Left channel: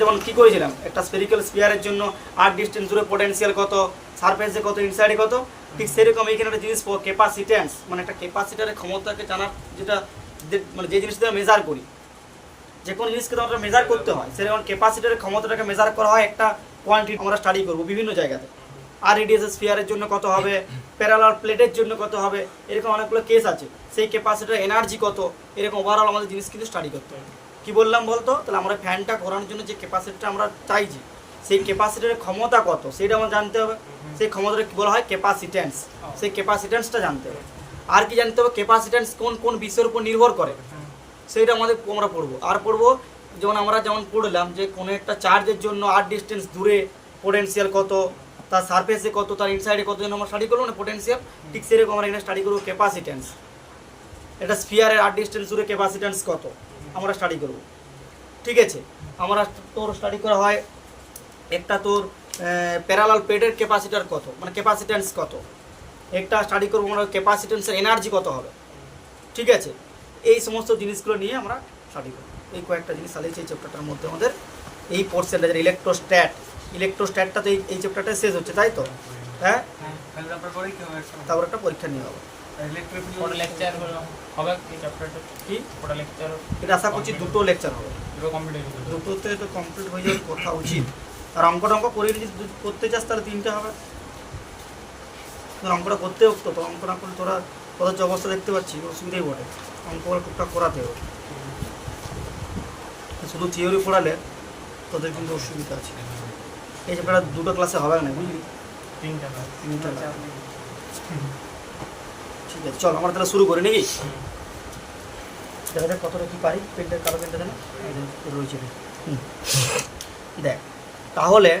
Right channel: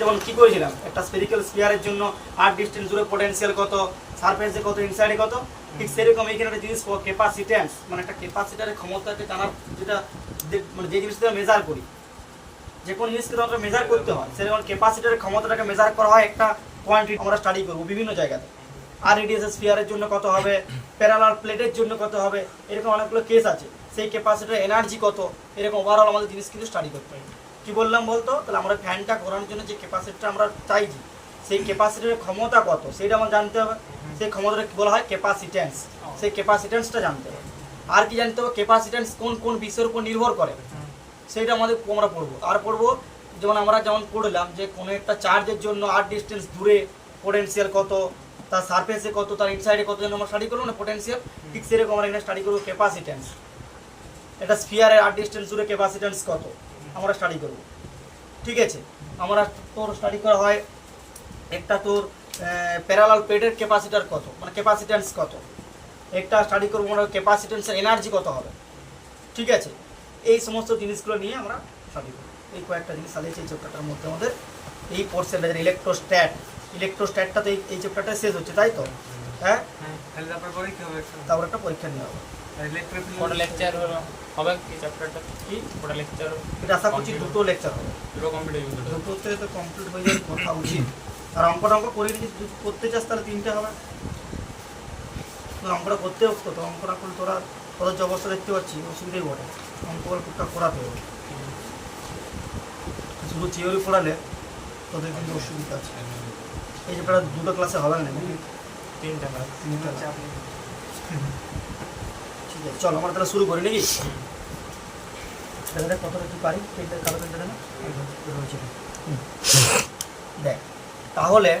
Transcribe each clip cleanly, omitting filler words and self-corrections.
যেমন কি করেছিলাম একটা স্ফেরিক্যাল স্ফিয়ারের জন্য আর ডিসটেন্স জুড়ে পটেনশিয়াল কত, সারফেসে কত, ইনসাইডে কত, ঠিক সেরকম এখানে একটা জিনিস ক্যাপাসিট্যান্স মানে একটা ক্যাপাসিটারের ক্ষমতাকে জানার যেটা মানে যে জিনিসটা মেজার করি, যে কোনো জিনিসকে আমরা মেজার করতে হয় সেরকম ক্যাপাসিটারের ক্ষমতাটাকে মেজার করা হয় একটা কোয়ান্টিটি আমরা স্টাডি করবো বিভিন্ন জায়গাতে। আর রেডিয়াস স্ফিয়ারের জন্য কত হবে, প্যারালাল প্লেটের জন্য কত হবে, এরকম অনেকগুলো কেস আছে। সেই ক্যাপাসিটার এনার্জি কত, এরকম ওভারঅল আমাদের জিনিস কিন্তু স্টাডি করতে হবে। কি বললাম বলতো, তাহলে আমরা ফ্যানটা করানোর জন্য যে ক্যাপাসিটিটা আমরা চাইছি সেই ক্যাপাসিটারের ক্ষমতা কত সেটা আমরা জানতে হবে। সেই ক্ষমতাটা কি বলা হয়, ক্যাপাসিট্যান্স। সেই ক্যাপাসিট্যান্সটা জানতে হবে। আর কি জানতে হবে, ক্যাপাসিট্যান্স কোন কোন বিষয়ের উপর নির্ভর করে সেইটা আমরা পড়বো। আর পড়বো যেমন পড়লাম যে কোনো একটা চার্জের জন্য আর ডিস্টেন্স দূরে পোটেনশিয়াল কত, তার সারফেসে কত, তার ইনসাইডে কত জন্য আমরা স্টাডি করবো না পোটেনশিয়াল, ঠিক সেরকম আমরা এখানে স্টাডি করবো ক্যাপাসিট্যান্স। এটা স্ফিয়ারের আর ডিস্টেন্স দূরে ক্যাপাসিট্যান্স কত আমরা স্টাডি করবো। ঠিক আছে, আমরা তোর স্টাডি করা হয় একটা তোর প্যারালাল প্লেটের ক্যাপাসিটার কত মানে ক্যাপাসিট্যান্স কত, একটা স্টাডি করবো আমরা ক্যাপাসিট্যান্সের এনার্জি কত হবে। ঠিক আছে, এই সমস্ত জিনিসগুলো নিয়ে আমরা স্টাডি করবো। এই কয়েকটা জিনিস চালিয়েছি এই চ্যাপ্টারটার মধ্যে আমাদের এই কোর্সের ইলেকট্রোস্ট্যাটটা তো এই চ্যাপ্টারটা শেষ হচ্ছে, তাই তো? হ্যাঁ, তারপর একটা পরীক্ষা নিয়ে হবে। এটা আশা করছি দুটো লেকচার হবে, দুটোতে তো কমপ্লিট হয়ে যাওয়ার কথা উচিত। আর অঙ্ক করে করতে চাস তাহলে 3টে হবে। অঙ্কটা করতে হোক তো, অঙ্কটা এখন তোরা তোদের যে অবস্থা দেখতে পাচ্ছি অসুবিধাই বটে, অঙ্কগুলো টুকটাক করাতে হবে। শুধু থিওরি পড়ালে তোদের কিন্তু অসুবিধা আছে। এই যে দুটো ক্লাসে হবে না, তিনটা। ঠিক আছে, চল আমরা তাহলে শুরু করি নাকি? দেখা যাক কতটা কি পারি। পেনটা কালো পেনটা দেন রয়েছে। দেখ তাহলে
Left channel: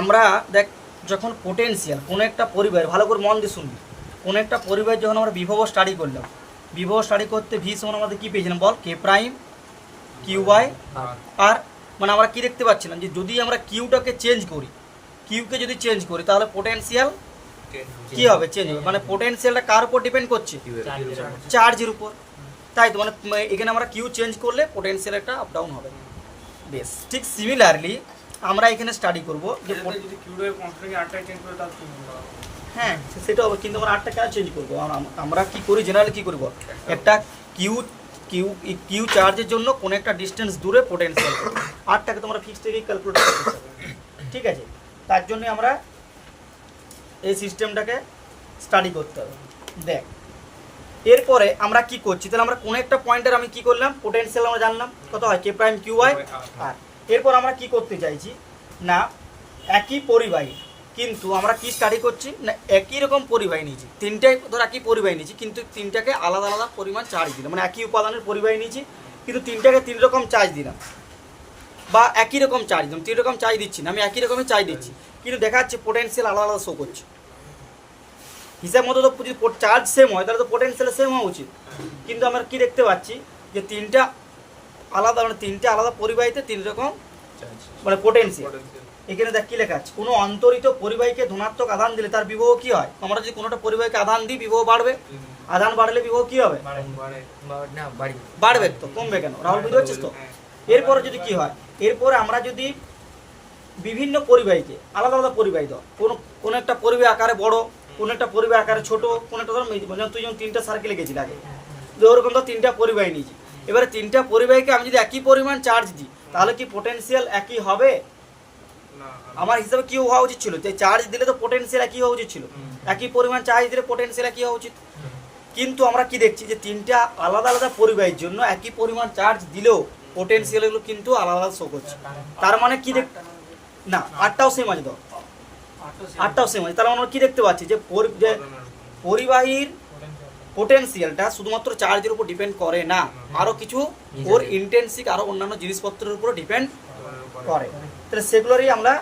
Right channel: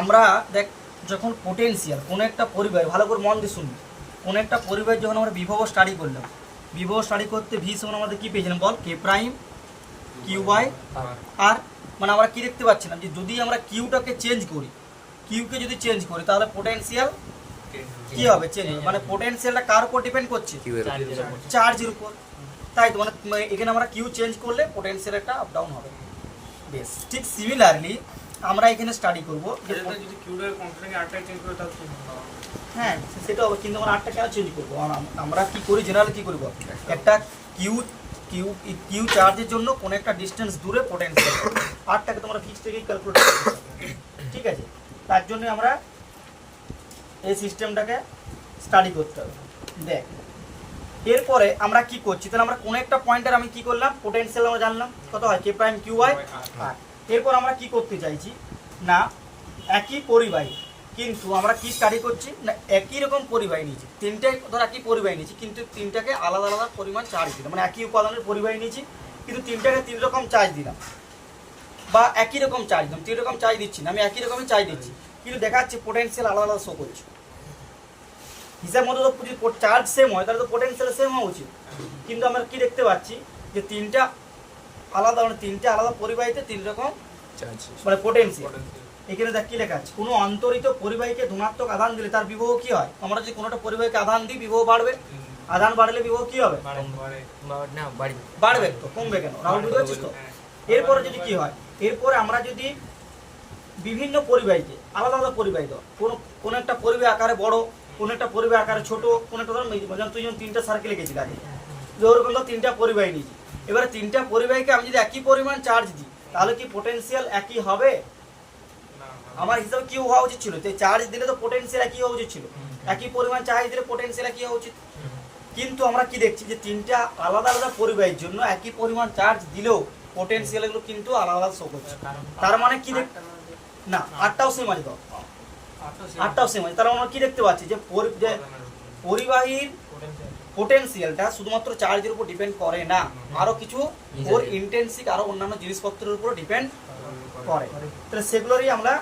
আমরা দেখ যখন পোটেনশিয়াল কোনো একটা পরিবার, ভালো করে মন দিয়ে শুনবি, কোনো একটা পরিবার যখন আমরা বিভব স্টাডি করলাম, বিভব স্টাডি করতে ভি সমান আমাদের কী পেয়েছিলাম বল, কে প্রাইম কিউ বাই আর। মানে আমরা কি দেখতে পাচ্ছিলাম যে যদি আমরা কিউটাকে চেঞ্জ করি, কিউকে যদি চেঞ্জ করি তাহলে পোটেনশিয়াল কি হবে, চেঞ্জ হবে। মানে পোটেনশিয়ালটা কার উপর ডিপেন্ড করছে, চার্জের উপর, তাই তো? মানে এখানে আমরা কিউ চেঞ্জ করলে পোটেনশিয়াল একটা আপ ডাউন হবে। বেশ, ঠিক সিমিলারলি আমরা এখানে স্টাডি করবো যে যদি কিউটাকে কনস্ট্যান্ট আরটা চেঞ্জ করে তাহলে কি হবে। হ্যাঁ সেটা হবে, কিন্তু আমরা আরটা কেন চেঞ্জ করবো? আমরা কি করি, জেনারেলি কি করবো, একটা কিউ চার্জের জন্য কোনো একটা ডিস্টেন্স দূরে পোটেনশিয়াল, আরটাকে তোমরা ফিক্সড থেকে ক্যালকুলেট করতে পারো। ঠিক আছে, তার জন্য আমরা এই সিস্টেমটাকে স্টাডি করতে হবে। দেখ এরপরে আমরা কি করছি, তাহলে আমরা কোনো একটা পয়েন্টের আমি কি করলাম, পোটেনশিয়াল আমরা জানলাম কত হয়, কে প্রাইম কিউ ওয়াই আর। এরপর আমরা কি করতে চাইছি না, একই পরিবাহী কিন্তু আমরা কি স্টাডি করছি না, একই রকম পরিবাহী নিয়েছি, তিনটাই ধর একই পরিবাহী নিয়েছি কিন্তু তিনটাকে আলাদা আলাদা পরিমাণ চার্জ দিলাম। মানে একই উপাদানের পরিবাহী নিয়েছি কিন্তু তিনটাকে 3 রকম চার্জ দিলাম, বা একই রকম চার্জ দিলাম, 3 রকম চার্জ দিচ্ছি না, আমি একই রকমই চার্জ দিচ্ছি কিন্তু দেখা যাচ্ছে পোটেনশিয়াল আলাদা আলাদা শো করছে। হিসাব মতো তো যদি চার্জ সেম হয় তাহলে তো পোটেনশিয়াল সেম হওয়া উচিত, কিন্তু আমরা কি দেখতে পাচ্ছি যে তিনটা আলাদা পরিবাহীতে 3 রকম মানে পোটেনশিয়াল। এখানে দেখ কি লেখা আছে, কোনো অন্তরিত পরিবাহীকে ধনাত্মক আধান দিলে তার বিভব কি হয়। আমরা যদি কোনোটা পরিবাহীকে আধান দিই বিভব বাড়বে, আধান বাড়লে বিভব কি হবে, বাড়বে তো, কমবে কেন? রাহুল বুঝতে পারছিস তো? এরপরে যদি কি হয়, এরপরে আমরা যদি বিভিন্ন পরিবাহীকে আলাদা আলাদা পরিবাহী দাও, কোনো একটা পরিবাহী আকারে বড়, কোনো একটা পরিবাহী আকারে ছোট, কোনো একটা ধর তুই যেমন 3টা সার্কেলে গেছিলি আগে, ওরকম তো 3টা পরিবাহী নিয়েছি। এবারে 3টা পরিবাহীকে আমি যদি একই পরিমাণ চার্জ দিই তাহলে কি পোটেনশিয়াল একই হবে? আমার হিসাবে কি হওয়া উচিত ছিল, যে চার্জ দিলে তো পোটেনশিয়াল একই হওয়া উচিত ছিল, একই পরিমাণ চার্জ দিলে পোটেনশিয়াল একই হওয়া উচিত। কিন্তু আমরা কি দেখছি যে 3টা আলাদা আলাদা পরিবাহীর জন্য একই পরিমাণ চার্জ দিলেও পোটেনশিয়াল এগুলো কিন্তু আলাদা আলাদা শো করছে। তার মানে কি না, আটটাও সেম আছে, আটটাও সেম আছে। তার আমরা কি দেখতে পাচ্ছি যে পরিবাহীর পোটেনশিয়ালটা শুধুমাত্র চার্জের উপর ডিপেন্ড করে না, আরো কিছু ওর ইন্টেন্সিক আরো অন্যান্য জিনিসপত্রের উপর ডিপেন্ড করে। তাহলে সেগুলোরই আমরা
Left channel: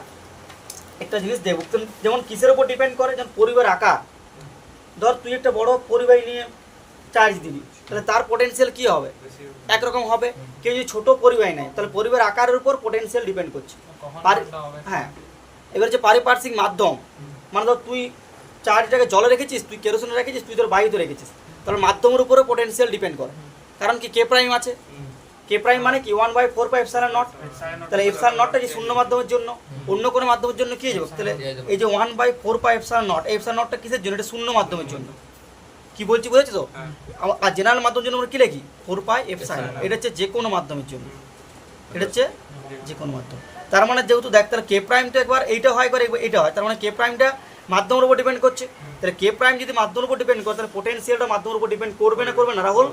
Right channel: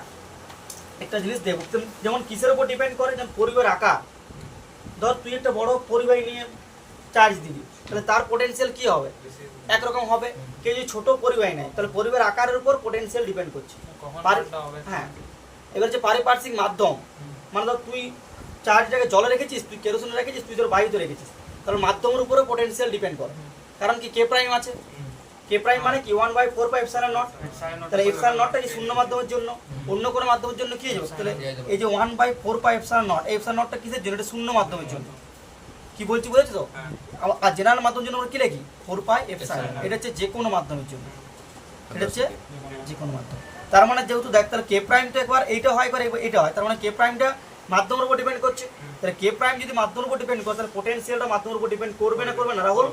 একটা জিনিস দেখব, যেমন কিসের উপর ডিপেন্ড করে, যেমন পরিবাহীর আকার। ধর তুই একটা বড় পরিবাহী নিয়ে চার্জ দিবি তাহলে তার পোটেনশিয়াল কি হবে, একরকম হবে। কেউ যদি ছোট পরিবাহী নেয় তাহলে পরিবাহীর আকারের উপর পোটেনশিয়াল ডিপেন্ড করছে। হ্যাঁ, এবার যে পারিপার্শ্বিক মাধ্যম, মানে ধর তুই চার্জটাকে জলে রেখেছিস, তুই কেরোসিনে রেখেছিস, তুই তোর বায়ুতে রেখেছিস, তাহলে মাধ্যমের উপরে পোটেনশিয়াল ডিপেন্ড করে। কারণ কি, কে প্রাইম আছে, কে প্রাইম মানে কি 1/4 পাই এপসাইলন নট। তাহলে এপসাইলন নটটা যে শূন্য মাধ্যমের জন্য, অন্য কোনো মাধ্যমের জন্য কি হয়ে যাবে? তাহলে এই যে 1/4 পাই এপসাইলন নট, এই এপসাইলন নটটা কিসের জন্য? এটা শূন্য মাধ্যমের জন্য। কি বলছি বুঝেছো তো? আর জেনারেল মাধ্যমের জন্য আমরা কি লিখি? 4 পাই এপসাইলন। এটা হচ্ছে যে কোনো মাধ্যমের জন্য, এটা হচ্ছে যে কোনো মাধ্যম। তার মানে যেহেতু দেখ, তাহলে কে প্রাইম তো একবার এইটা হয়, একবার এইটা হয়, তার মানে কে প্রাইমটা মাধ্যমের উপর ডিপেন্ড করছে। তাহলে কে প্রাইম যদি মাধ্যমের উপর ডিপেন্ড করে, তাহলে পোটেনশিয়ালটা মাধ্যমের উপর ডিপেন্ড করবে না, করবে না রাহুল?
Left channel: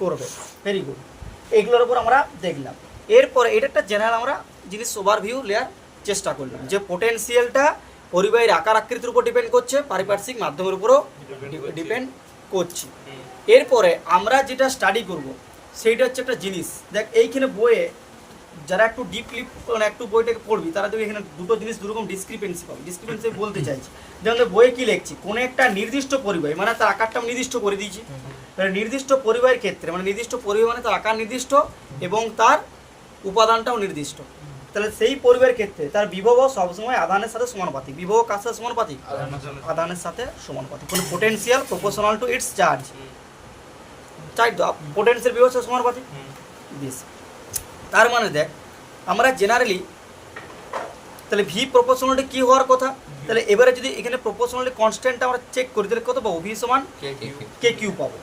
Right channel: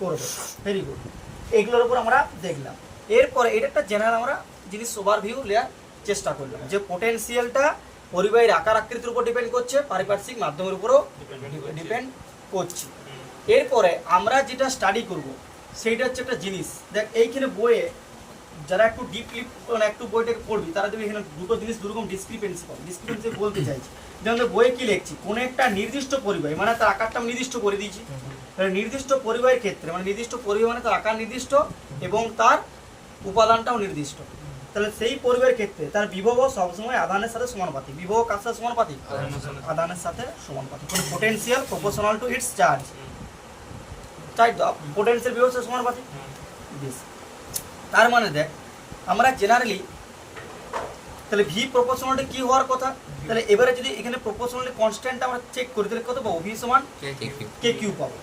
করবে। ভেরি গুড, এইগুলোর উপর আমরা দেখলাম। এরপরে এটা একটা জেনারেল আমরা জিনিস ওভারভিউ নেওয়ার চেষ্টা করলাম, যে পোটেনশিয়ালটা পরিবাহীর আকার আকৃতির উপর ডিপেন্ড করছে, পারিপার্শ্বিক মাধ্যমের উপরও ডিপেন্ড করছে। এরপরে আমরা যেটা স্টাডি করব সেইটা হচ্ছে একটা জিনিস, দেখ এইখানে বইয়ে যারা একটু ডিপলি মানে একটু বইটাকে পড়বি, তারা দেখবি এখানে দুটো জিনিস দুরকম ডিসক্রিপেন্সি পাবে। ডিসক্রিপেন্সি বলতে চাইছি, যেমন বইয়ে কি লিখছি, কোনো একটা নির্দিষ্ট পরিবাহী মানে তার আকারটা আমি নির্দিষ্ট করে দিয়েছি। নির্দিষ্ট পরিবাহীর ক্ষেত্রে মানে নির্দিষ্ট পরিবাহী মানে তার আকার নির্দিষ্ট এবং তার উপাদানটাও নির্দিষ্ট। তাহলে সেই পরিবাহীর ক্ষেত্রে তার বিভব সবসময় আধানের সাথে সমানুপাতিক। বিভব কার সাথে সমানুপাতিক? আধানের সাথে সমানুপাতিক। কোনো potential proportional to its charge, potential বিভবের সাথে সমানুপাতিক। তার মানে দেখ আমরা জেনারেলি তাহলে ভি প্রপোর্শনালিটি কি হওয়ার কথা? তাহলে এবারে যদি এখানে প্রপোর্শনালিটি কনস্ট্যান্ট আমরা চেক করি, তাহলে কত পাবো? ভি সমান কে কিউ পাবো।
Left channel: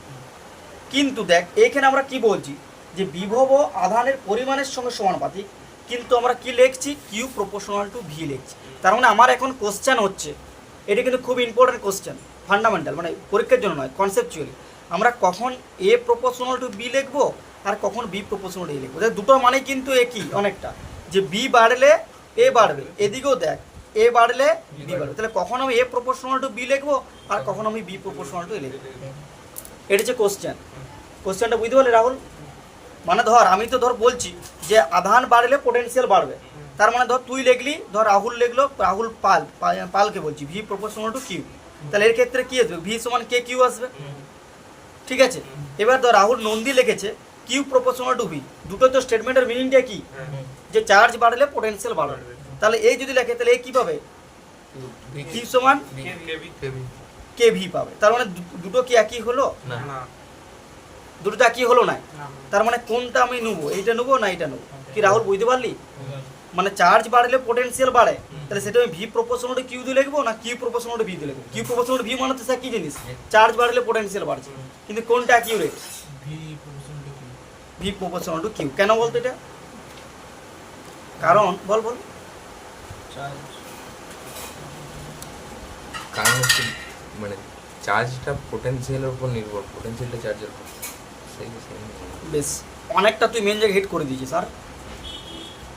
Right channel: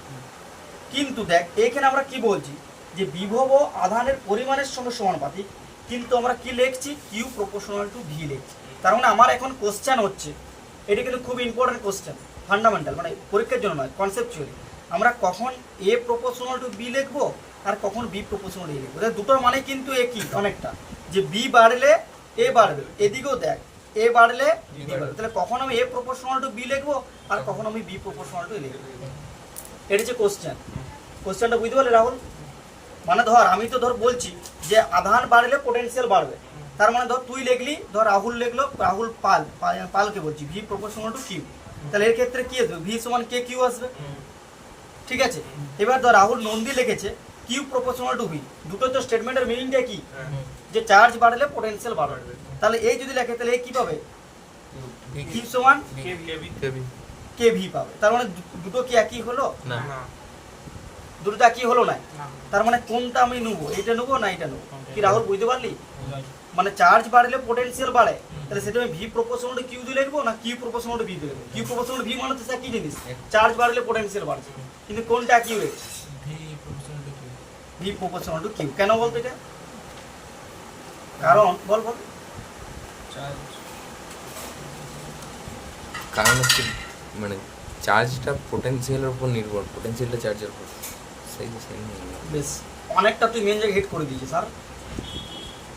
কিন্তু দেখ এখানে আমরা কি বলছি, যে বিভব আধানের পরিমাণের সঙ্গে সমানুপাতিক, কিন্তু আমরা কি লিখছি? কিউ প্রপোর্শনাল টু ভি লিখছি। তার মানে আমার এখন কোশ্চেন হচ্ছে, এটা কিন্তু খুব ইম্পর্টেন্ট কোশ্চেন, ফান্ডামেন্টাল, মানে পরীক্ষার জন্য নয়, কনসেপচুয়ালি। আমরা কখন এ প্রপোর্শনাল টু বি লিখবো আর কখন বি প্রপোর্শনাল টু এ লিখবো। দুটো মানে কিন্তু একই অনেকটা, যে বি বাড়লে এ বাড়বে, এদিকেও দেখ এ বাড়লে বি বাড়বে। তাহলে কখন আমি এ প্রপোর্শনাল টু বি লিখবো আর কখন আমি বি প্রপোর্শনাল টু এ লিখবো। এটা হচ্ছে কোশ্চেন। কোশ্চেনটা বুঝতে পারলে রাহুল? মানে ধর আমি তো ধর বলছি যে আধান বাড়লে পোটেনশিয়াল বাড়বে, তার মানে ধর তুই লিখলি, ধর রাহুল লিখলো, রাহুল পালকে বলছি ভি প্রপোর্শনাল টু কিউ। তাহলে এর ক্ষেত্রে কি আসবে? ভি সমান কে কিউ আসবে, ঠিক আছে। এবার ধর রাহুল নন্দী লিখেছে কিউ প্রপোর্শনাল টু ভি। দুটো তো স্টেটমেন্টের মিনিংটা কি? যে চার্জ বাড়লে পোটেনশিয়াল বাড়বে। তাহলে এই যদি লেখে তাহলে এ কি পাবে? কিউ সমান কে ভি পাবে। তার মানে দুটো কি একই হলো? না, দুটো একই হলো না। তার মানে কোনটা আমি নেবো? এইটা নেবো না এইটা নেবো? কি রাহুল বুঝতে পারলি? মানে চার্জ বাড়লে পোটেনশিয়াল বাড়ে, তাহলে সেটা আমি ভি প্রপোর্শনাল টু কিউ দিয়ে লিখবো না কিউ প্রপোর্শনাল টু ভি দিয়ে লিখবো? কিউ প্রপোর্শনাল টু ভি মানে তো কি জিনিস? চার্জ বাড়লে পোটেনশিয়াল বাড়ছে, কিন্তু কোনটা accurate? V proportional to Q. কেন বলতো এটা? কারণ বল বল। কারণ হচ্ছে মানে চার্জটা পোটেনশিয়ালের উপর নির্ভর, পোটেনশিয়ালটা চার্জের উপর। বেশ অনেকটা তুই মেন জায়গায় হিট করে দিয়েছিস। স্যার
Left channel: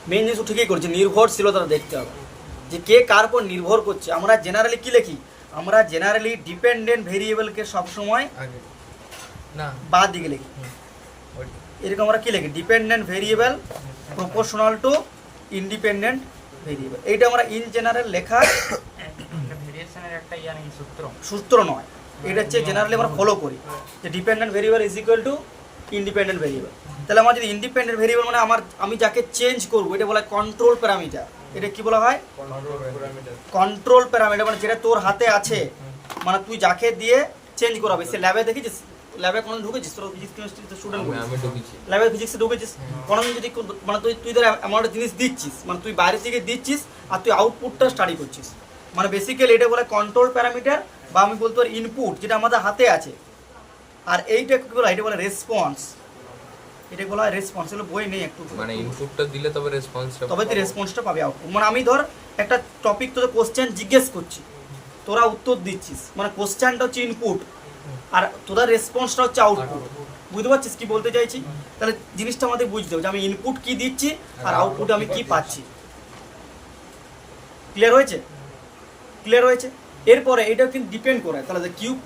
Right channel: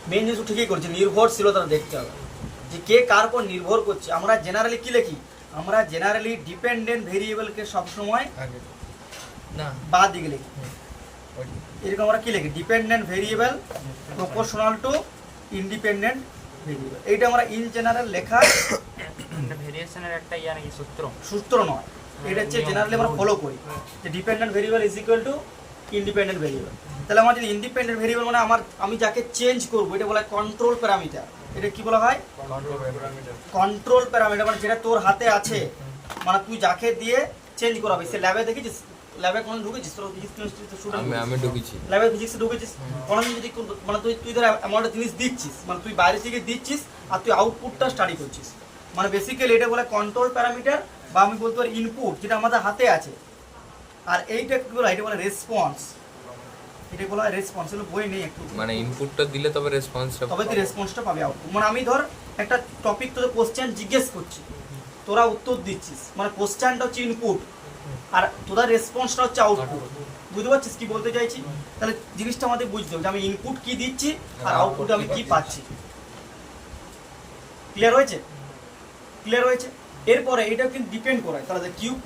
মেন জিনিস ঠিকই করেছে, নির্ভরশীলতা দেখতে হবে যে কে কার উপর নির্ভর করছে। আমরা জেনারেলি কি লিখি? আমরা জেনারেলি ডিপেন্ডেন্ট ভেরিয়েবলকে সবসময় না বাদ দিকে লিখি। এরকম আমরা কি লিখি? Dependent variable proportional to independent variable. এইটা আমরা ইন জেনারেল লেখা ভেরিয়েশনের একটা নাকি সূত্র নয়, এটা হচ্ছে জেনারেলি আমরা ফলো করি, যে dependent variable is equal two independent variable. তাহলে আমার যদি ইন্ডিপেন্ডেন্ট ভেরিয়েবল মানে আমি যাকে চেঞ্জ করবো, এটা বলা হয় কন্ট্রোল প্যারামিটার। এটা কি বলা হয়? কন্ট্রোল প্যারামিটার, মানে যেটা তোর হাতে আছে, মানে তুই যাকে দিয়ে চেঞ্জ করাবে। সে ল্যাবে দেখেছিস? ল্যাবে কোনো ঢুকেছিস? তোর ফিজিক্স কেমিস্ট্রিতে স্টুডেন্ট আমি ঢুকেছি ল্যাবে, ফিজিক্সে ঢুকেছিস? কোনোদিন যদি মানে তুই ধর এমন একটা জিনিস দিচ্ছিস, মানে তুই বাইরে থেকে দিচ্ছিস আর তুই আউটপুটটা স্টাডি করছিস, মানে বেসিক্যালি এটা বলে কন্ট্রোল প্যারামিটার, বা আমি বলতে পারি ইনপুট, যেটা আমাদের হাতে আছে। আর এইটা কি বলা? এটা বলে রেসপন্স। এটা বলা হয় রেসপন্স। এগুলো বই নেই একটু, মানে ইনপুটটা দিলে তবে রেসপন্সটা, তবে তুই রেসপন্সটা পাবে, আউটপুট। মানে আমি ধর একটা টপিক তোদের কোশ্চেন জিজ্ঞেস করছি, তোরা উত্তর দিচ্ছিস, মানে কোশ্চেনটা হচ্ছে ইনপুট আর তোদের রেসপন্সটা হচ্ছে আউটপুট। বুঝতে পারছিস কি বলতে চাইছি? তাহলে জিনিসটা আমাদের বুঝতে হবে যে আমি ইনপুট কি দিচ্ছি আর আউটপুটে আমি কি পাচ্ছি। ক্লিয়ার হয়েছে? ক্লিয়ার হয়েছে? এরপরে এটাও কিন্তু ডিপেন্ড করে, তাহলে কিউব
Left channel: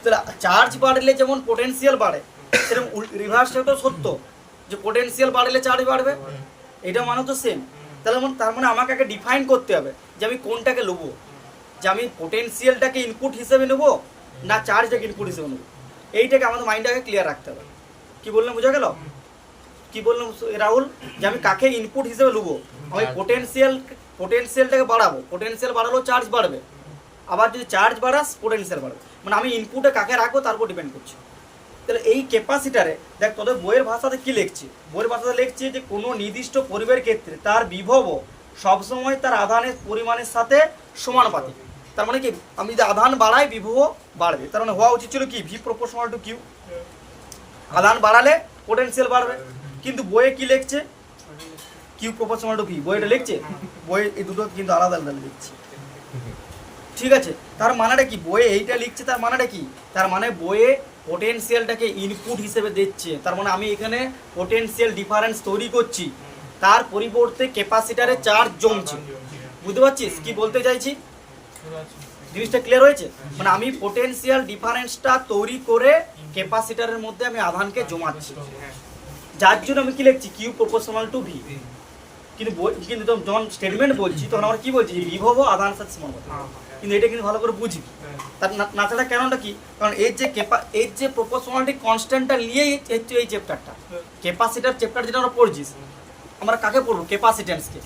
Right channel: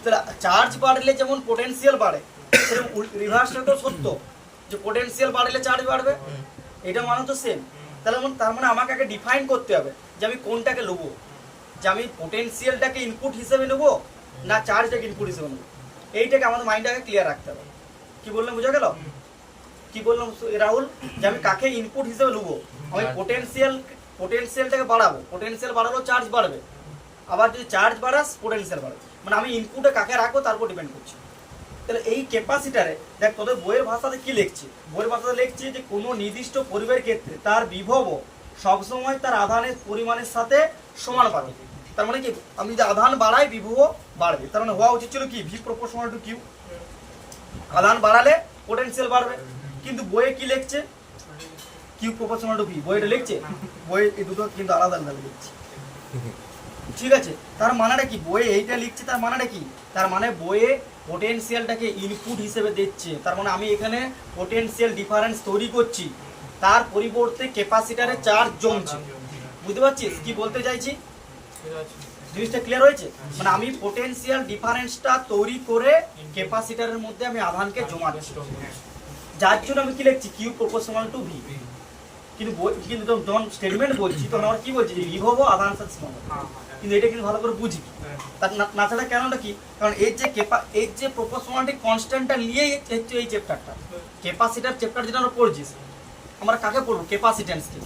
চার্জ বাড়লে যেমন পোটেনশিয়াল বাড়ে, সেরকম রিভার্সটাও সত্য, যে পোটেনশিয়াল বাড়লে চার্জ বাড়বে। এটা মানে তো সেম। তার মানে আমাকে আগে ডিফাইন করতে হবে যে আমি কোনটাকে নেবো, যে আমি পোটেনশিয়ালটাকে ইনপুট হিসেবে নেবো না চার্জটাকে ইনপুট হিসেবে নেবো। এইটাকে আমাদের মাইন্ডে আগে ক্লিয়ার রাখতে হবে। কি বললাম বোঝা গেল? কি বললাম রাহুল? যে আমি কাকে ইনপুট হিসেবে নেবো? আমি পোটেনশিয়ালটাকে বাড়াবো, পোটেনশিয়াল বাড়ালেও চার্জ বাড়বে, আবার যদি চার্জ বাড়াস পোটেনশিয়াল বাড়বে। মানে আমি ইনপুটে কাকে রাখবো তার উপর ডিপেন্ড করছি। তাহলে এই ক্যাপাসিটারে দেখ তোদের বইয়ের ভাষাতে কি লিখছে, বইয়ের ভাষাতে লিখছে যে কোনো নির্দিষ্ট পরিবারের ক্ষেত্রে তার বিভব সবসময় তার আধানের পরিমাণের সাথে সমানুপাতিক। তার মানে কি আমি যদি আধান বাড়াই বিভব বাড়বে, তার মানে হওয়া উচিত ছিল কি ভি প্রপোর্শনাল টু কিউ, আধান বাড়ালে পোটেনশিয়াল বাড়বে। কিন্তু বইয়ে কি লিখছে কিউ প্রপোর্শনাল টু ভি, বইটা লিখছে, বই এই দুটো কিন্তু আলাদা আলাদা লিখছে। ঠিক আছে, তার মানেটা কি বইয়ে এইটা লিখছে, তার মানেটা কি, তার মানে বইয়ে পোটেনশিয়ালটাকে ইনপুট হিসেবে দিচ্ছে। তার মানে আমি এখানে পোটেনশিয়াল ডিফারেন্স তৈরি করছি, তার পরিবর্তে ক্যাপাসিটারে চার্জ জমছে। বুঝতে পারছিস কি বলতে চাইছি, জিনিসটা ক্লিয়ার হয়েছে? মানে আমি পোটেনশিয়াল ডিফারেন্সটা তৈরি করে ক্যাপাসিটারের মধ্যে আমি আধানকে জমাচ্ছি, যার জন্য আমি কি লিখছি কিউ প্রপোর্শনাল টু ভি। কিন্তু কিন্তু যখন স্টেটমেন্ট বলছি তখন আমরা কি বলছি বিভব আধান সাথে সমানুপাতিক, কিন্তু এটা কিন্তু ভালো করে বুঝি তার না ছাড়া কেনটা কি, কারণ এর যে প্রপোর্শনালিটি কনস্ট্যান্টটা নিয়েই হচ্ছে এই চ্যাপ্টারটা, ক্যাপাসিটার চ্যাপ্টার যেটা আমরা পড়ছি আমরা কাকে পড়বো ক্যাপাসিট্যান্সকে।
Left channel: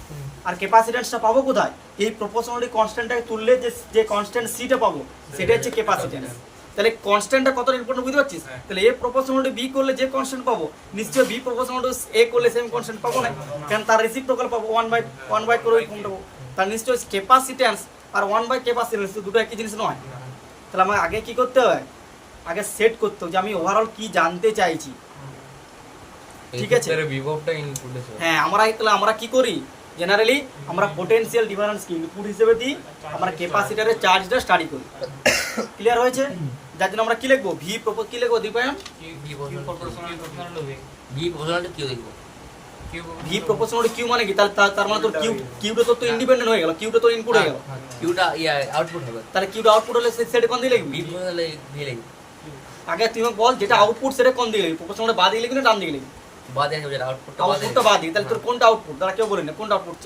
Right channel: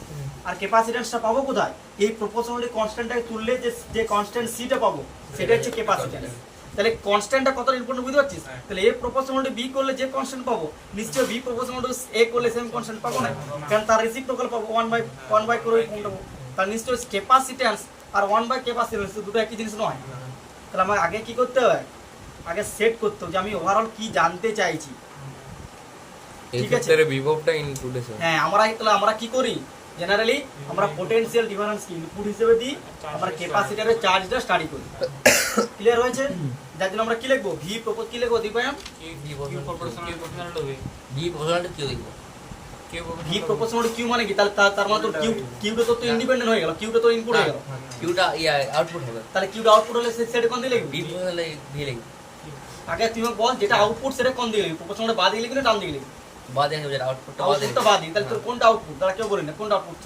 আর ক্যাপাসিট্যান্সটা পাবো কোথায়, এই প্রপোর্শনালিটি কনস্ট্যান্টটাকে তুললে যে কনস্ট্যান্ট সিটা পাবো সেটা হচ্ছে ক্যাপাসিট্যান্স। তাহলে কনস্ট্যান্টটা কতটা ইম্পর্টেন্ট বুঝতে পারছিস? তাহলে এ প্রপোর্শনাল টু বি করলে যে কনস্ট্যান্ট পাবো নিশ্চয়ই বি প্রপোর্শনাল টু এ করলে সেম কনস্ট্যান্ট পাবো না, কারণ তার রেসিপ্রোকাল পাবো 1/1 করে ওই ফর্মটা পাবো। তার নিশ্চয়ই ক্যাপাসিট্যান্স আর 1/ক্যাপাসিট্যান্স দুটো একই জিনিস নয়। তাহলে আমার আগে কি করতে হয়, আগে সেট করতে হবে যে আমি ওভারঅল কি জানতে চাইছি। ঠিক আছে, বিভবটা ইনক্লুডেশন। হ্যাঁ আমরা কি করি জেনারেলি আমরা পোটেনশিয়াল ডিফারেন্স কি ইনপুট হিসেবে দিই, আমরা ক্যাপাসিটরের চার্জটা স্টাডি করি। ক্লিয়ার হয়েছে? যার জন্য আমরা কি লিখবো ভি প্রপোজ কি লিখবো দীপায়ন ভি প্রপোর্শনাল কিউ মানে কি, তার মানে তো কিউটা তো ইন্ডিপেন্ডেন্ট হয়ে গেল, কিউটা তো ইনপুট হয়ে গেল, কিউটা আউটপুট হবে, তাহলে কিউটা আউটপুট হলে সেটা কোন দিয়ে লিখবি বি বদলে ভি লিখবি, আগে তুই বল যেটা আউটপুট সেটা কোন দিয়ে লিখবি, প্রপোর্শনাল বাদ দিয়ে লিখবি না ডান দিয়ে লিখবি? বাদে হবে যেটা আউটপুটটা বাদে আউটপুটটা বাদ দিই, তাহলে তোর কোনটা আউটপুট তারা কেউ বলি না, কোনটা আউটপুট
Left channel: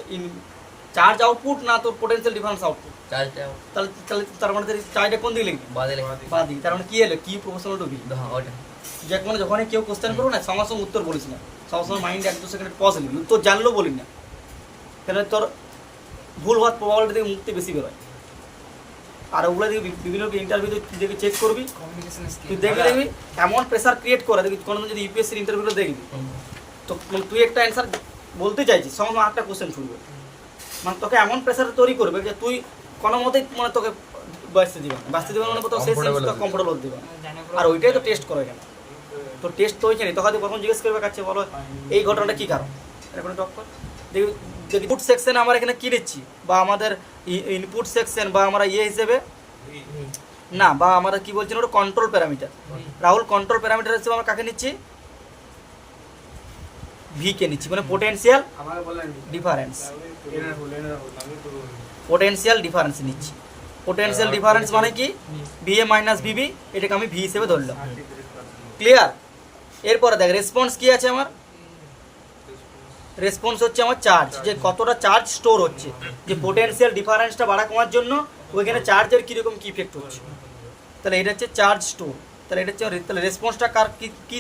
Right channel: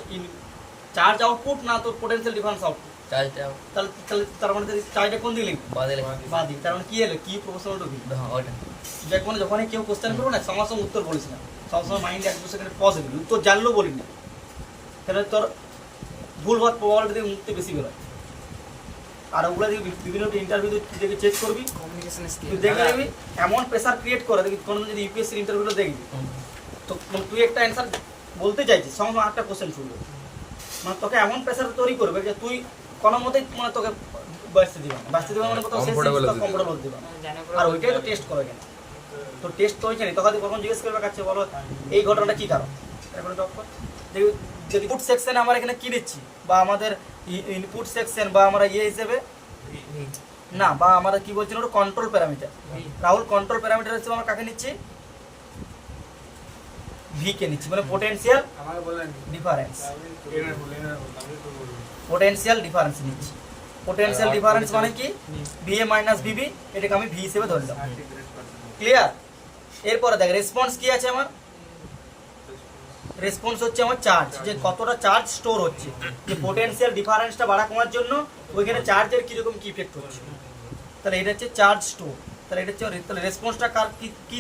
চার্জ আউটপুট না তোর পোটেনশিয়াল ডিফারেন্স আউটপুট? চার্জটা তাহলে তার মানে চার্জটা কোন দিয়ে লিখবি বাদে লিখবি, বাদ দিই, তার মানে কি হলো কি প্রপোর্শনাল টু ভি। হ্যাঁ ওটা যে কোনো যখনই কেউ কোশ্চেন করবো না সঙ্গে সঙ্গে উত্তর বলিস না, সবসময় মাইন্ডে 1-2 সেকেন্ড পজ দিবি, উত্তর জানলেও বলি না, তাহলে তোর ভুল হওয়ার প্রবাবিলিটি থেকে মুক্তি বেশি বেরোয়। আর ওগুলো দেখবি বিভিন্ন ইন্টারভিউ দেখে চেক করবি, তুই দেখে দেখবি এমন প্রেসার ক্রিয়েট করে দেখবি কোনো যদি ইউপিএসসির ইন্টারভিউটা দেখবি তো তুই একটা অ্যান্সার বলতে চাইছিস সঙ্গে একটা কোশ্চেন শুনবো, মানে তোকে এমন প্রেসার তৈরি করবে যে তুই কোনো মতেই মানে তোকে বাঁচতে দিবে মানে কোথাও শেষ কমফোর্টেবল দিবে না। আর ওইটাই তো টেস্ট করে কেন, তো টেস্ট তো ওইখানে তোকে কখন জিজ্ঞেস করবে কাছে বলো এই ঘটনাটা কী কারণ, এখন দেখবি যদি ইনপুট সেকশন আমরা এখানে কি নিচ্ছি বা আমাদের ইনপুট সেকশন বা আমরা হিসেবে না বা আমরা কি বলছি ওটা control parameter, Rahul control parameter হিসেবে আমরা কাকে নিচ্ছি ভি কে নিচ্ছি, মানে পোটেনশিয়াল ডিফারেন্স, পোটেনশিয়াল ডিফারেন্স নিচ্ছি। পোটেনশিয়াল ডিফারেন্স মানে কি ভিএ মাইনাস ভিবি, এটাকে আমি ভি হিসেবে ধরলাম। ক্লিয়ার? এরপরে দেখ রেসপন্স কি আছে আমার, রেসপন্স হচ্ছে আমার চার্জ, যে কতটা চার্জ স্টোর হচ্ছে, যে পোটেনশিয়াল ডিফারেন্সটা বাড়া কমার জন্য ওইখানে চার্জের কিরকম কি ইফেক্ট হচ্ছে, তাহলে এটা হচ্ছে চার্জ স্টোর। তাহলে এটা হচ্ছে তাহলে রেসপন্সটা কার কি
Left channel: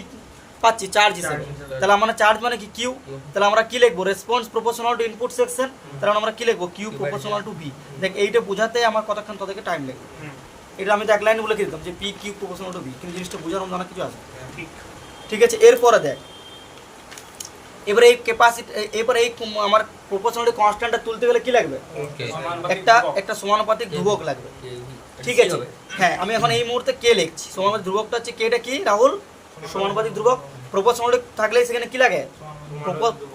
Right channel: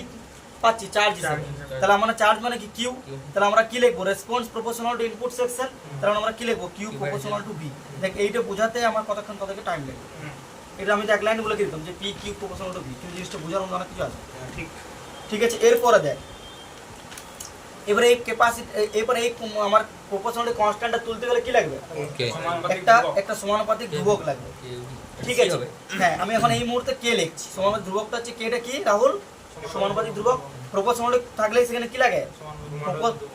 পাচ্ছি চার্জ হিসেবে, তাহলে আমরা চার্জ মানে কি কিউ, তাহলে আমরা কি লিখবো response proportional to input section, তাহলে আমরা কি লিখবো কিউ প্রপোর্শনাল টু ভি। দেখ এইটা বোঝাতে আমার কতক্ষণ তোদেরকে টাইম লাগবে, এটা আমি তো এক লাইন বলে দিতাম যে P Q proportional to V, কিন্তু জিনিসটা বোঝার মতো কিছু আছে। ঠিক আছে, এরপরে দেখ এবারে এই ক্যাপাসিটি এবারে এই আমার প্রপোর্শনাল কনস্ট্যান্টটা তুলতে গেলে কি লাগবে একটা সমানুপাতিক ধ্রুবক লাগবে। ঠিক আছে, হ্যাঁ আমি এখন এই মুহূর্তে কে লিখছি সমানুপাতিক ধ্রুবকটা হচ্ছে কেটা কি রাহুল সমানুপাতিক ধ্রুবক, প্রপোর্শনাল থাকলে সেখানে কি লাগে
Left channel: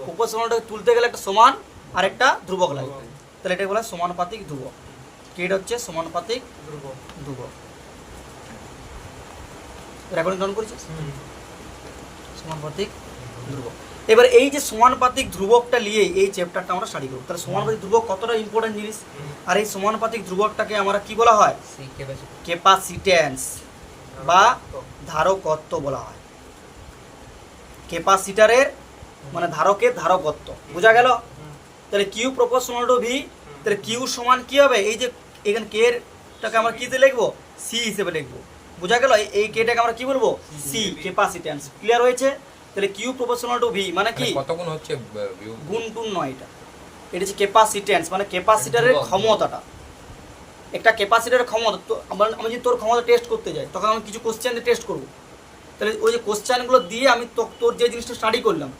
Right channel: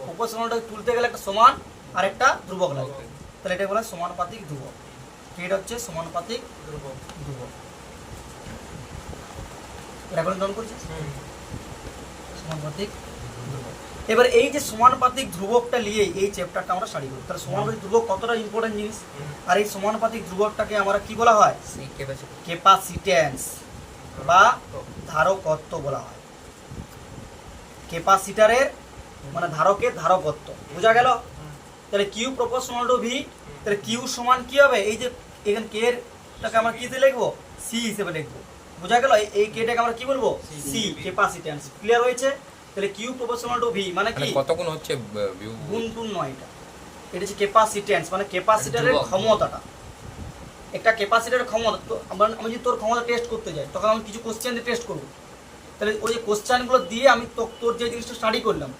প্রপোর্শনালটা তুলতে গেলে একটা সমান আর একটা ধ্রুবক লাগবে, তাহলে এটা বলা সমানুপাতিক ধ্রুবক, কেটা হচ্ছে সমানুপাতিক ধ্রুবক। রেকর্ডিং ডাউন করেছিস সমানুপাতিক ধ্রুবক। এবার এই যে সমানুপাতিক ধ্রুবকটা নিয়ে এই চ্যাপ্টারটা আমরা স্টাডি করি, তাহলে সমানুপাতিক ধ্রুবক কতটা ইম্পর্টেন্ট জিনিস, আর এই সমানুপাতিক ধ্রুবকটাকে আমরা কি বলা হয় ক্যাপাসিট্যান্স বা ধারকত্ব বলা হয়। ক্যাপাসিটরের মানে ধারকের ধারকত্ব বোঝা গেল। তাহলে কিউ প্রপোর্শনাল টু ভি, তাহলে কিউ সমান কি হবে এই যে এখানে কে এরটাকে আমরা কিতে লিখবো সি হিসেবে লিখবো, বোঝা গেল এই কেটাকে আমরা কি বলবো সি ক্যাপাসিট্যান্স। ক্লিয়ার হয়েছে? তাহলে কিউ প্রপোর্শনাল টু ভি মানে কি কত গুণ হচ্ছে গুণ টু নয়, এটা হচ্ছে ক্যাপাসিট্যান্স মানে ক্যাপাসিটরের ক্ষমতাটা, একটা ক্যাপাসিটরের ক্ষমতা। তো আমি যদি তোর ক্ষমতা টেস্ট করতে যাই তখন আমি কিছু কোশ্চেন দিয়ে টেস্ট করবো, তাহলে ওই যে কোশ্চেনগুলো দিয়ে আমি তোর যে জিনিসটা স্টাডি করলাম,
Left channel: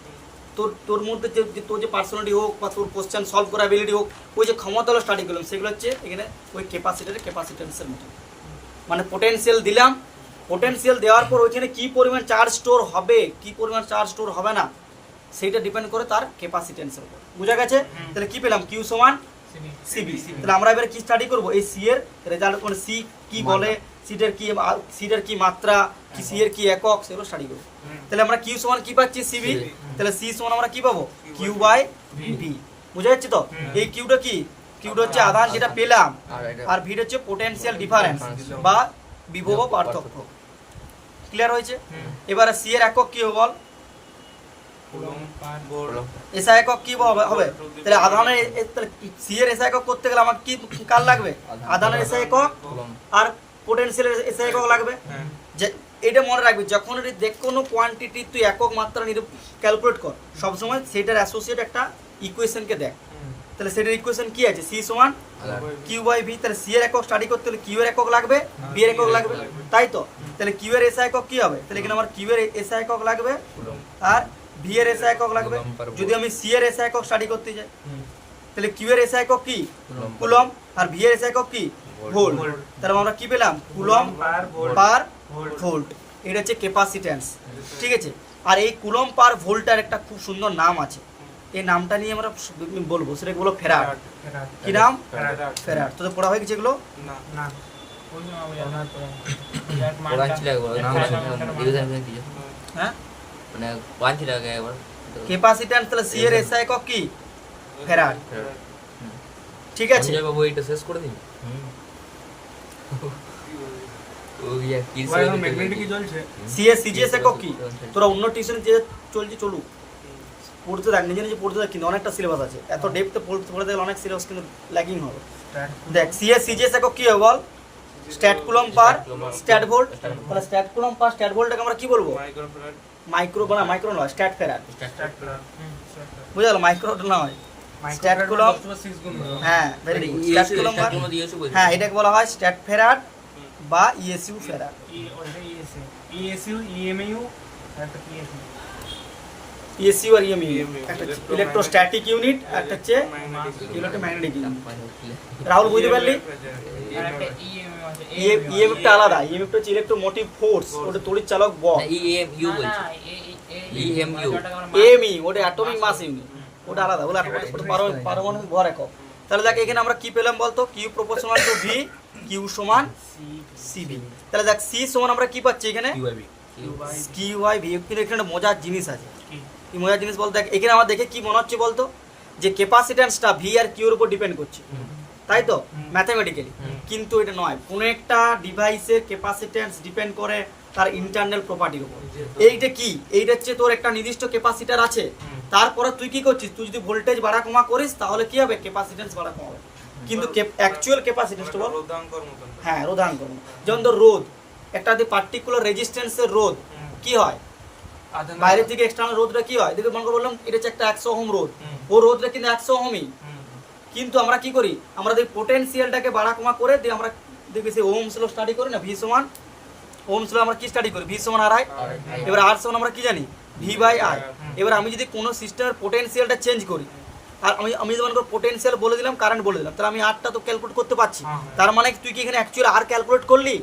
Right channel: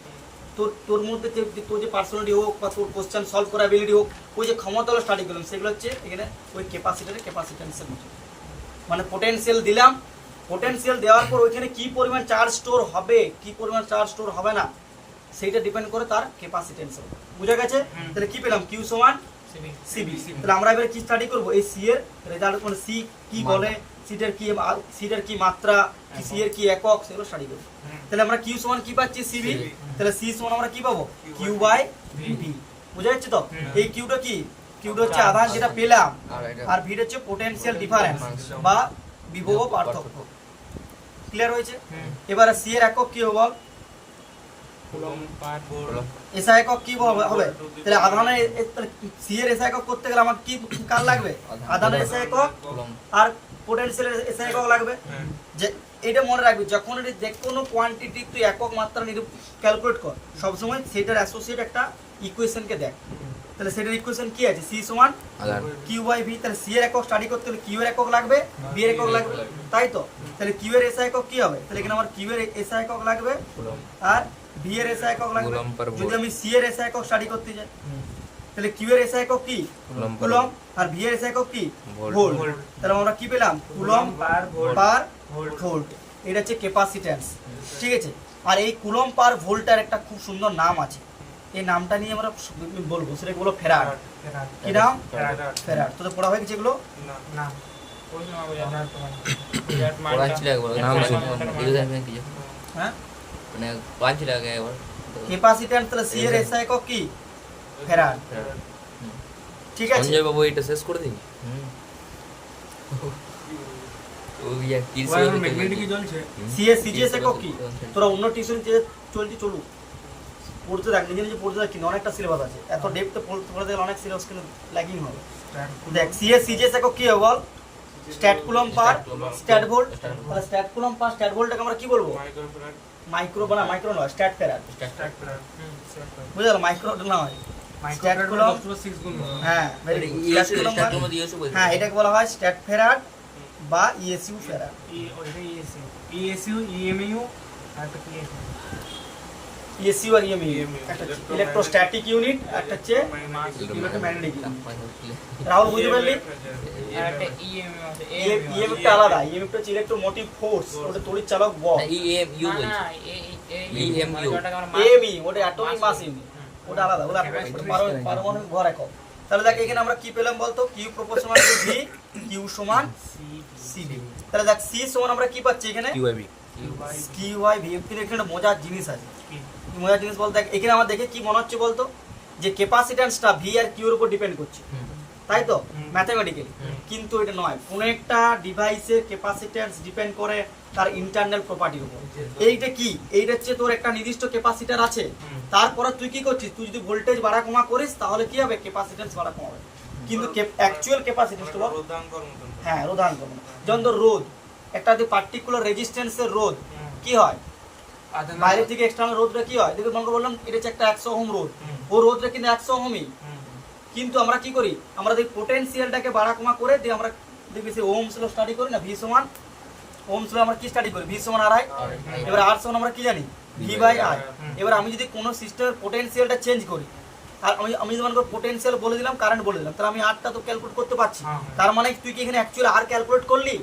তোর মধ্যে যে তোর যে পার্সোনালিটি হোক বা তোর কোশ্চেন সলভ করা অ্যাবিলিটি হোক, ওই যে ক্ষমতাগুলো স্টাডি করলাম, সেগুলো হচ্ছে এখানে ওই ক্যাপাসিটেন্সের মতো। মানে পোটেনশিয়াল দিলাম, পোটেনশিয়াল দেওয়ার পর ওইখানে কি পরিমাণ চার্জ স্টোর হবে, কি পরিমাণ চার্জ স্টোর হবে না, সেইটা ডিপেন্ড করে তার ক্যাপাসিটেন্সের উপর। বুঝা গেছে? তাহলে কি পেলাম? কিউ সমান সিবি। তাহলে আমরা এবারে কি স্টাডি করব? এই সি এর রেজাল্ট কোন, সি কি বলে, সিটের কি মাত্রা, কি সি এর কি একক, সেগুলো স্টাডি করব। তাহলে আমরা কিউ সমান কি পাচ্ছি? সিবি। তাহলে সি সমান আমরা কি পাবো? Q by V. বুঝা যাচ্ছে তো? এই কিউটা কি? কিউটা হচ্ছে আধান যেটা পেলাম, আর ভিটা হচ্ছে পোটেনশিয়াল ডিফারেন্স বা বিভব পার্থক্য। ক্লিয়ার হয়েছে? এবারে সি এর একক কি হবে বল? এসা একক কি হবে? তাহলে আধানের সি এর এসা একক করতে গেলে আমার কি কার লাগবে? আধানের এসা একক আর পোটেনশিয়ালের এসা একক লাগবে। যে এটা মনে রাখবি, যখন যে কোনো কোয়ান্টিটি তুই একক মাত্রা ক্যালকুলেট কর, সবসময় সেটার অ্যাসোসিয়েট একটা ইকুয়েশনকে দেখ। তাহলে সেটার ইকুয়েশন কি আছে? সি সমান কিউ বাই ভি। তাহলে সি এর একক স্টাডি করতে হলে কিউ এর একক লাগবে, বি এর একক লাগবে, তাই তো? তাহলে কিউ এর এসা একক কি হবে? তাহলে এখানে আমার কিউ এর এসা একক লাগবে আর বি এর এসা একক লাগবে। যদি আমি সি এর এসা একক স্টাডি করতে যাই, তাহলে কিউ এর এসা একক কি? কুলম্ব। আর ভি এর এসা একক কি? ভোল্ট। তাহলে আমরা কি পেলাম? কুলম্ব পার ভোল্ট। এটা হচ্ছে ক্যাপাসিট্যান্স, ঠিক আছে? আর এই কুলম্ব পার ভোল্টের একটা খুব সুন্দর নাম আছে, এই নামটা নিয়ে আমরা বলবো, সেটা বলবো ফ্যারাড। কি নাম? ফ্যারাড। তো পড়া হয়ে গেছে এগুলো? না পড়া ছিল একবার, হ্যাঁ, মানে পাঁচ ছিল একবার ক্যাপাসিট্যান্স। তাহলে সি এর এসআই একক কি? ফ্যারাড। ঠিক আছে বাবু, এটা শেষ করে দিন। ও ইয়া কি ম্যাগনেটিক কি চলছে? সি এর সিজিএস একক কি? তোরা অন্য টিউশন যে চলছে চলুক, পড়তে দেখ, নিজে নিজে পড়তে দেখ, কিন্তু অনেকটা সিলেবাস আছে, এত ডেপথে পড়তে গেলে অনেক সিলেবাস কিন্তু ল্যাগিং হবে। দেখ সি এর সিজিএস একক কি হবে বল? স্ট্যাট কুলম্ব পার স্ট্যাট ভোল্ট। তাহলে স্ট্যাট কুলম্ব পার স্ট্যাট ভোল্টটাকে আমরা কি বলবো? মাইক্রো নয়, স্ট্যাট ফ্যারাড। বুঝা গেল? মাইক্রো নয়, স্ট্যাট কুলম্ব। হ্যাঁ, ভেরি গুড। স্ট্যাট কুলম্ব হ্যাঁ, এটাকে বলা হয় স্ট্যাট ফ্যারাড বা ইএসইউ ফ্যারাড। ইএসইউ, ইএমইউ আর একটা কি আছে? ইএসইউ আর ইএমইউ একটা ইলেকট্রোস্ট্যাটিক ইউনিট, একটা হচ্ছে ইলেকট্রোম্যাগনেটিক ইউনিট। রাহুল বুঝতে পারলি? ইএমএফটা আলাদা, ইএমএফটা হচ্ছে ইলেকট্রোমোটিভ ফোর্স, ওটা তড়িৎ চালক বল। ইএমইউ বলছি, ইএমইউ এমই ওটা অ্যাটমিক মাস ইউনিট, ওটা আলাদা, ওটা পারমাণবিক ভর একক। তাহলে দেখ এখানে আমরা কি পেলাম বলতো? Q proportional to V, Q সমান সিবি। তাহলে দেখ সি সমান আমরা কি পাচ্ছি এখানে? Q by V. কিন্তু এখানে একটা মজার জিনিস আছে। কি মজার জিনিস বলতে? দেখ এখানে আমার দেখে কি মনে হচ্ছে বলতো? যে ক্যাপাসিট্যান্সটা ভি আর কিউ এর উপর ডিপেন্ড করছে, তাই তো ম্যাথমেটিক্যালি। কিন্তু এটা নয়, কোনো একটা ডিভাইসের ক্যাপাসিট্যান্স ডিপেন্ড করে তার ইন্টারনাল প্রপার্টির উপর। এইটা কি? এইটা হচ্ছে তোর একটা নির্দিষ্ট ক্যাপাসিটার আছে, তারপরে তুই কি করছিস? তুই যদি ভোল্টেজ বাড়া কমা করিস তাহলে কি হবে? ক্যাপাসিট্যান্স বাড়া কমা হবে। কিন্তু অ্যাকচুয়াল ক্যাপাসিট্যান্সটা বল? হ্যাঁ, রোধাঙ্কন। যেমন ধর রোধ, একটা পার্টিকুলার রেজিস্ট্যান্সের রোধ কি হয়? বাইরে থেকে এক্সটার্নাল রোধটা কি হয়? দেখে মনে করে বললাম এটা হচ্ছে একটা 100 ওহম রোধ, ও রোধটা কিন্তু 100 ওহমই। কিন্তু আমরা কি করি? আমরা দেখি পোটেনশিয়ালটাকে বাড়া কমা করে দিয়ে আমরা দেখি সেই ওহমস ল স্টাডি করি না, ভি সমান ওহমস ল আমরা কি স্টাডি করি? ভি সমান আর আই। এবার আর সমান আমরা কি জানি? V by I. এবার আমি যদি কোনো সিস্টেমের পোটেনশিয়ালটা চেঞ্জ করি, আর আমি যদি মনে করি পোটেনশিয়াল বলে দিলাম, কারেন্ট বলে দিলাম, তাহলে আমি আরটা তো ক্যালকুলেট করতে পারছি। তার মানে তুই কি এখানে অ্যাকচুয়ালি আর ক্যালকুলেট করলি?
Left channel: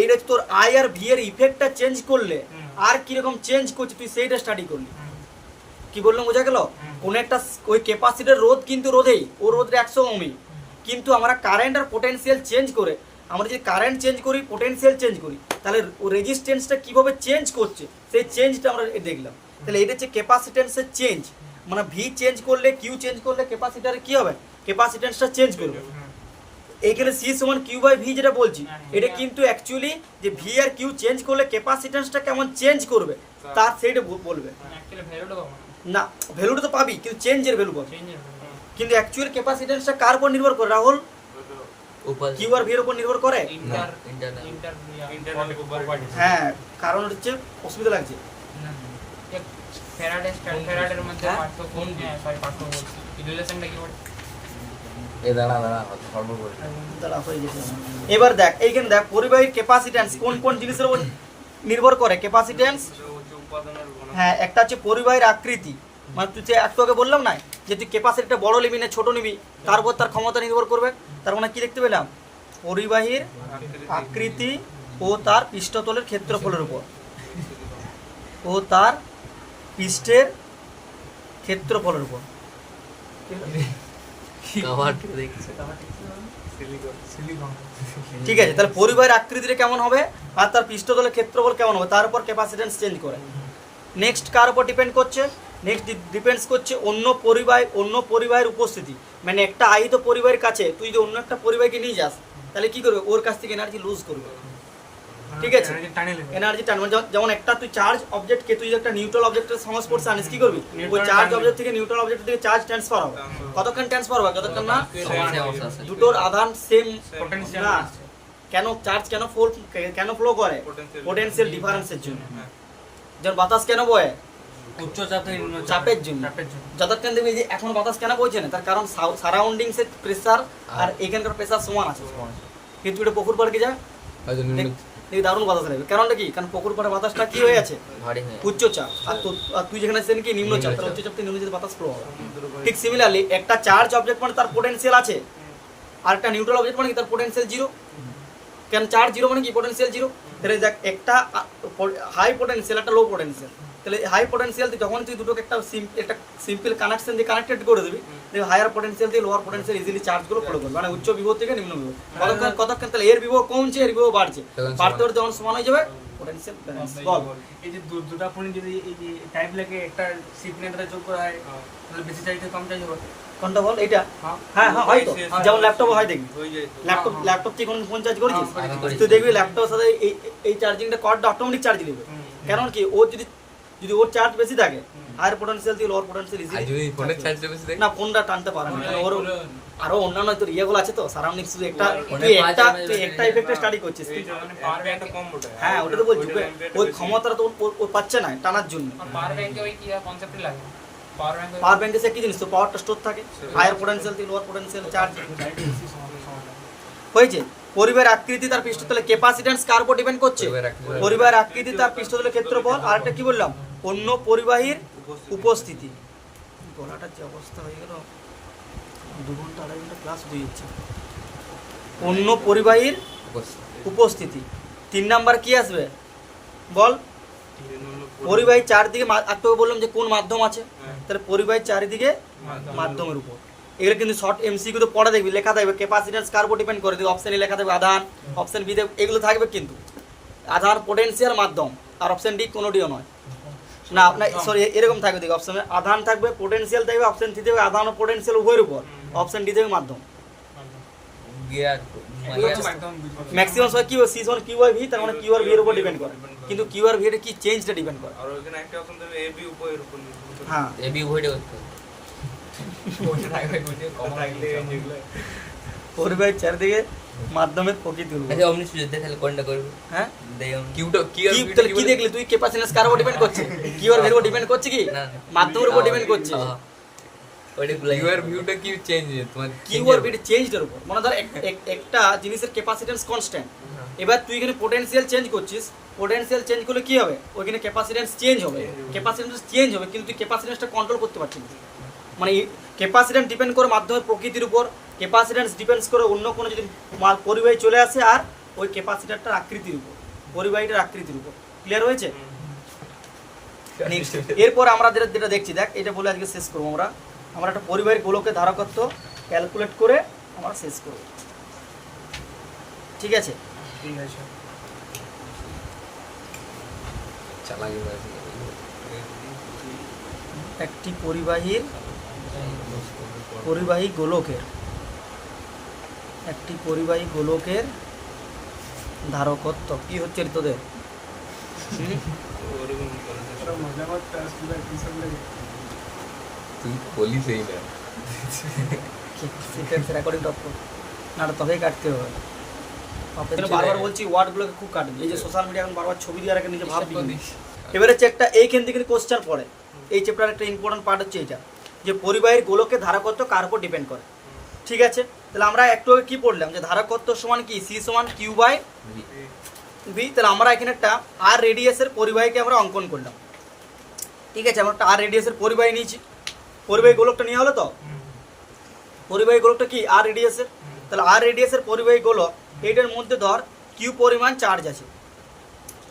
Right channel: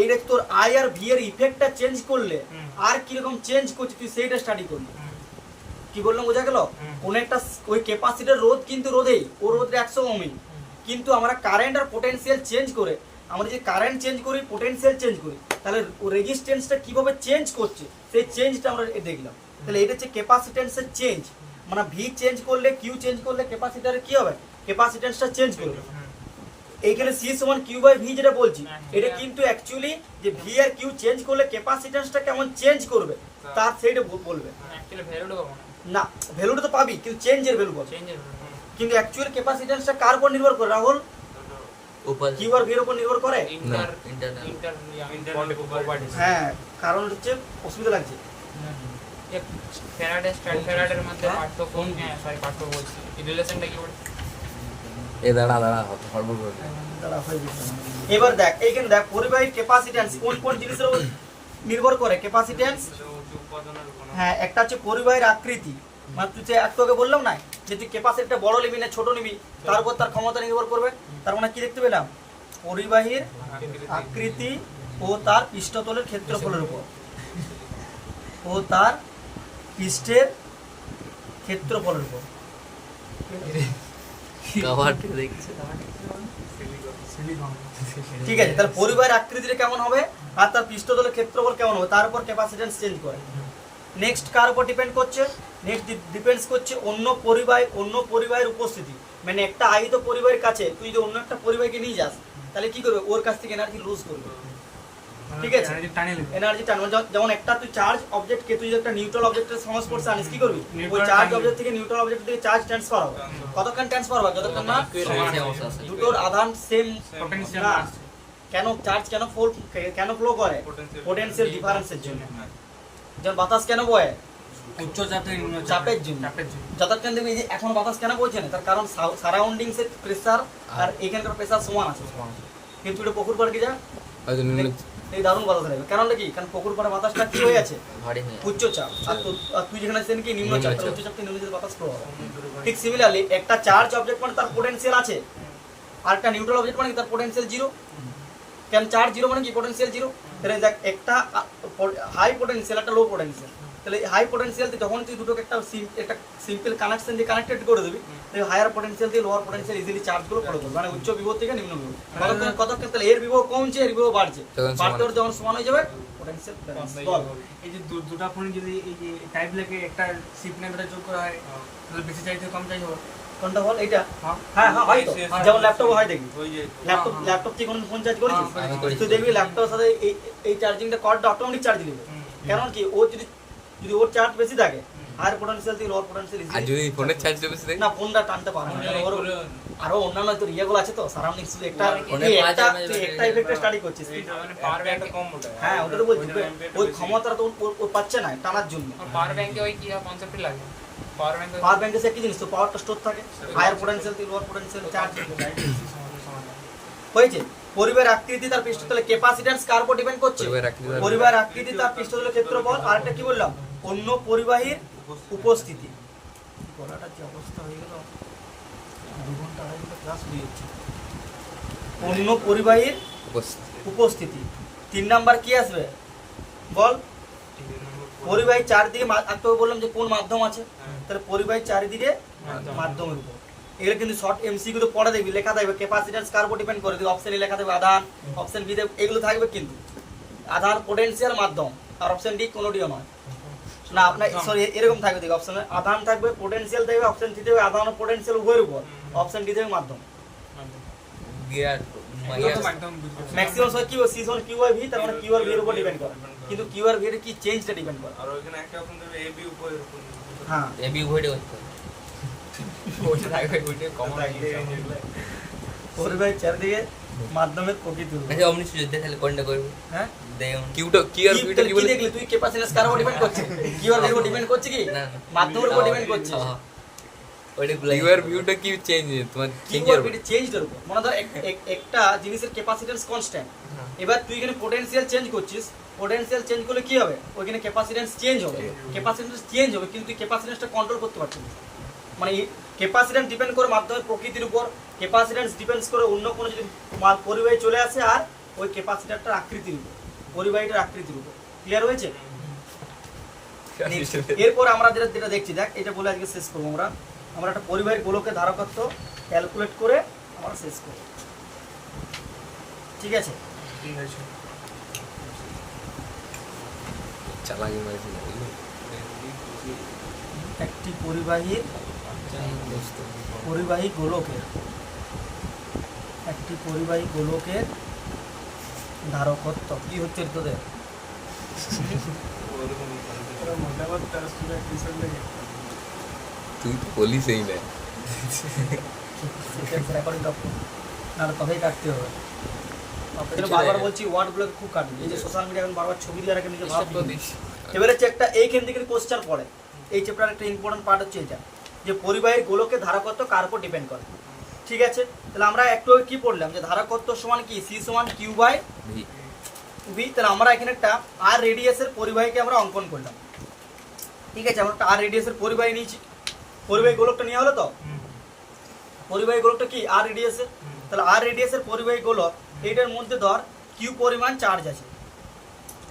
এইটা তোর আই আর ভি এর ইফেক্টটা চেঞ্জ করলে আর কিরকম চেঞ্জ করছে তুই সেইটা স্টাডি করলি। কি বললাম বোঝা গেল? কোন একটা ওই ক্যাপাসিটর রোধ কিন্তু রোধেই, ও রোধটা 100 ওহমই, কিন্তু আমরা কারেন্ট আর পোটেনশিয়াল চেঞ্জ করে, আমরা যদি কারেন্ট চেঞ্জ করি, পোটেনশিয়াল চেঞ্জ করি, তাহলে রেজিস্ট্যান্সটা কিভাবে চেঞ্জ করছে সেই চেঞ্জটা আমরা দেখলাম। তাহলে এটা হচ্ছে ক্যাপাসিট্যান্সের চেঞ্জ। মানে ভি চেঞ্জ করলে, কিউ চেঞ্জ করলে ক্যাপাসিটরে কি হবে? ক্যাপাসিট্যান্সটা চেঞ্জ করবে। এইখানে সি সমান কিউ বাই ভি যেটা বলছি, এটা কিন্তু অ্যাকচুয়ালি যে ভি আর কিউ চেঞ্জ করলে ক্যাপাসিট্যান্সটা কেমন চেঞ্জ করবে তার সেইটা বলবে না। ভ্যালুটা তো পাবি, কিন্তু চেঞ্জের ভ্যালু পাবি। কিন্তু অ্যাকচুয়াল ক্যাপাসিট্যান্সটা কার উপর নির্ভর করে রাহুল? কিউ আর ভি এর উপর নির্ভর করে। হ্যাঁ, কারণ হচ্ছে অসুবিধা লাগছে। ফ্যারাডের মধ্যে পার্থক্য, হ্যাঁ সরি পার্থক্য বলছি, রিলেশনটা কি বলছে? এবার দেখ এইখানে দেখ পরিবাহীর ক্যাপাসিট্যান্স কোন কোন জিনিসের উপর নির্ভর করে ক্যাপাসিট্যান্স, হ্যাঁ একটা হচ্ছে পরিবাহীর আকৃতি, মানে তুই যে একটু আগে বললাম না যে তুই ক্যাপাসিটিটা বড় নিবি না ছোট নিবি তার উপর তার ক্ষমতা নির্ভর করবে। তার মানে কি দেখতে পেলাম, পরিবাহীর আকৃতি ও তার পৃষ্ঠতলের ক্ষেত্রফলের উপর, ও তার পৃষ্ঠের ক্ষেত্রফলের উপর। কভার দেখছে ঠিক আছে, তাহলে পরিবাহীর আকৃতিটা কেমন হবে আর তার পৃষ্ঠতলের ক্ষেত্রফল কেমন হবে তার উপর ক্যাপাসিট্যান্স চেঞ্জ করে। নেক্সট কার উপর ডিপেন্ড করছে, নেক্সট ডিপেন্ডস করছে অন্য পরিবাহের উপস্থিতি। মানে একটা আহিত পরিবাহের কাছে তুই যদি অন্য একটা পরিবাহকে নিয়ে যাস তাহলে কি করবে, ওর কাছ থেকে এনার্জি লুজ করবে। ঠিক আছে, এনার্জি টান, যেমন একটা তুই চার্জ অবজেক্টকে তুই একটা নিউট্রাল অবজেক্টের সংস্পর্শে আনিস, কি করবি, ওই চার্জ অবজেক্ট থেকে নিউট্রাল অবজেক্টের দিকে চার্জ ট্রান্সফার হবে। কতক্ষণ ট্রান্সফার হবে, যতক্ষণ না দুটোর আধান সেম Potential না। কেন চার্জ কেন ফ্লো করে, পোটেনশিয়াল ডিফারেন্সের জন্য। যেমন বাতাস কেন বয়, উচ্চ চাপ থেকে নিম্ন চাপের জন্য। চাপের জন্য যতক্ষণ দেখবি যে এখন বাতাস কেন বইছে না, তার কারণ সারাউন্ডিংস এর প্রেসার আর এখানকার প্রেসার সমান আছে। কিন্তু এটা পুকুর পাড়ে কি যায়, হয়তো নিম্ন এই দারুণ বাতাস লাগবে। কারণটা কি, কারণ পুকুর পাড়ে বাতাসটা কি হয়ে আছে, ভারী হয়ে উচ্চ চাপ, আর তুই যেখানে আছেন কি নিম্ন চাপ, তাহলে উচ্চ চাপ থেকে নিম্ন চাপে বাতাস ফ্লো হবে। ঠিক সিমিলারলি একটা চার্জ অবজেক্ট মানে তার পোটেনশিয়াল আছে, আর একটা নিউট্রাল অবজেক্ট মানে কি তার পোটেনশিয়াল জিরো। কেন চার্জ জিরো মানে কি পোটেনশিয়াল জিরো। তাহলে দেখ একটা হাই পোটেনশিয়াল একটা লো পোটেনশিয়াল, তাহলে হাই পোটেনশিয়াল যখন তুই দুটোকে একটা সিম্পল কানেকশন দিয়ে কানেক্টেড করে দিবি, হায়ার পোটেনশিয়াল থেকে লোয়ার পোটেনশিয়াল ইজিলি চার্জগুলো করে দেবে, মানে উচ্চ বিভব থেকে নিম্ন বিভব। কতক্ষণ তাহলে এর বিভব কমছে এর বিভব বাড়ছে, বাড়তে বাড়তে যখন সমান হয়ে যাবে পোটেনশিয়াল ব্যালেন্স। এই যে দুটা ফোন যদি এই যে টাইপ লাগে একটা সিগন্যালটা যোগ করা হয় তাহলে বেশি চাইতে কম চাই হবে। কোনটা বল, এইটা? হ্যাঁ হ্যাঁ হয় তো, যেমন ল্যাপটপ হয় দেখবি, ল্যাপটপ থেকে কোন ফোন চার্জ করেছিস, তুই দেখবি ল্যাপটপের সাথে এই চার্জিংটা কর্ডটা অটোমেটিক চার্জ নেবে। কারণ কি, ও যদি ওর চার্জ বেশি থাকে হায়ার পোটেনশিয়াল থেকে লোয়ার পোটেনশিয়াল আর ইজিলি, যদি ফোনের চার্জ বেশি থাকে না ফোনটা টানতে পারে না। ওর আরো অন্যান্য তোর ইয়েগুলো আছে তো সারাউন্ডিংস, একটা ফোনে তুই পাঁচ একটা ইফেক্টে স্টাডি করছিস তুই। মানে পাওয়ার ব্যাংকটা কম ওটা হ্যাঁ ওটা তো বলছি, ওই ক্ষমতাটা তো ও পাচ্ছে না টানার জন্য। পাওয়ার ব্যাংকে ওই কি কনসেপ্টই লাগে পাওয়ার ব্যাংকে পাওয়ার ব্যাংকে সে কি জিনিস, তো পাওয়ারটা স্টোর থাকে, হায়ার পোটেনশিয়াল থেকে লোয়ার পোটেনশিয়াল চার্জ হয়েছে। পরিবাহের আকৃতি তার পৃষ্ঠতলে ক্যাপাসিট্যান্স কার উপর ডিপেন্ড করছে, পরিবাহের আকৃতি তার পৃষ্ঠতলের ক্ষেত্রফল, আর একটা কি বললাম, অন্য পরিবাহীর উপস্থিতি। গলাটার যে অবস্থা হয়ে গেল, দুদিন আড়াই ঘন্টা ক্লাস হয়ে যাচ্ছে। অন্য পরিবাহীর উপস্থিতি। 3 নাম্বার কি আসবে বল, পরিবাহী চারদিকে, একটু বললাম যে কোন মাধ্যম আছে, তাহলে পরিবাহী চারিদিকে মাধ্যমের উপর। এগুলো কিন্তু শর্ট এমসিকিউ তো পড়া দেখবি, লেখা থাকবে ক্যাপাসিট্যান্স কার উপর ডিপেন্ড করে, অপশন এ লেখা থাকবে আধান, অপশন বি তে এগুলো থাকবে কিন্তু আধান পোটেনশিয়াল মাধ্যম, আর অপশন ডি কোনোটিও নয় না আপনার, সরি এরকম থাকবে, দেখো অপশনে আধান থাকবে পোটেনশিয়াল থাকবে, অপশন সি থাকবে আধান ও পোটেনশিয়াল উভয়ের উপর, অপশন ডি থাকবে মাধ্যম। গিয়ার একদম বুঝতে ম্যাক্সিমাম সময় কি হয়, সি সমান কিউ বাই ভি, তার মানে কিউ আর ভি এর উপর ডিপেন্ড করে, কিন্তু কিউ আর ভি এর কি চেঞ্জটা ডিপেন্ড করে। আর ওখানে একটা অপশন দেবে এবি উপরের উপর। হ্যাঁ এবি ভোল্টে করতে ওটা থাকবে ভিডিও কম লাগবে পরিবাহী চারিদিকে মাধ্যমের প্রকৃতি হলো। আচ্ছা অমনি যদি তাহলে কোনটা করব হ্যাঁ দেই কিউটা কি আর কি কি দেখলি তুই, ক্যাপাসিট্যান্স কার উপর ডিপেন্ড করছে, কিউ আর ভি এর উপর ডিপেন্ড করছে কি, না মাধ্যমের উপর ডিপেন্ড করছে। ওইটা গুলাই কিউআর ভিউটা কি চেঞ্জ তোমার কিউ আর ভি চেঞ্জের উপর, মানে ধর একটা জিনিসের ক্যাপাসিট্যান্স কনস্ট্যান্ট, এবার তুই এখানে পোটেনশিয়াল চেঞ্জ করছিস, পোটেনশিয়াল চেঞ্জ করলে কি হবে, ওইখানে ক্যাপাসিট্যান্স চেঞ্জ হবে, ক্যাপাসিট্যান্স চেঞ্জ হবে, কিন্তু তুই ক্যাপাসিট্যান্সটা কন্ট্রোল করতে পারছিস না। মানে ক্যাপাসিট্যান্স ডিপেন্ড করে মাধ্যমের প্রকৃতির উপর, ক্যাপাসিট্যান্স ডিপেন্ডস করে অন্য কোনো যদি পরিবাহী চলে আসে, আর ওই ক্যাপাসিটরটার আকৃতির উপর, পরিবাহীটার আকৃতির উপর। ক্লিয়ার হয়েছে? এরপর আমরা যেটা দেখছি, দেখ এটা বলে আজকে শেষ করবো। আমরা একটা পরিবাহীর গোলকের ধারকত্ব ক্যালকুলেট করে আমরা শেষ করব, ঠিক আছে? ঠিক আছে চালাকি একটি পরিবাহী গোলকের ধারকত্ব কি হচ্ছে তোদের? তুই বলিস এই না রেকর্ডিং করতে না, তবেই কাটতে হবে। বারবার বলছি ওয়ার্ডগুলোকে খুব কাটবে, এই যে সোশ্যাল মিডিয়া এখন বারবার ছবি দিয়ে রাখে, নিজে ভাব দিস। এবারে চেকটা এইখান থেকে কোশ্চেন পড়ে, এই চ্যাপ্টার একটা ইম্পর্টেন্ট পার্ট হচ্ছে এটা, যে পরিবাহীর গোলকের ধারকত্ব কার উপর ডিপেন্ড করে। ঠিক আছে, তাহলে আমরা একটু কি পড়লাম, যে ধারকত্ব সমান কি, সি সমান কিউ বাই ভি, তাহলে আমরা এখানে একটা আর রেডিয়াসের পরিবাহীকে আমরা অঙ্কন করলাম। ঠিক আছে, আমরা একটা আর রেডিয়াসের পরিবাহী নিয়েছি, পরিবাহী গোলকটা নেওয়া হলো তো। পরিবাহী গোলকটা কি আর রেডিয়াসের, তাহলে আর রেডিয়াসের পরিবাহী গোলক, এটার মধ্যে ধর কিউ পরিমাণ চার্জ আছে।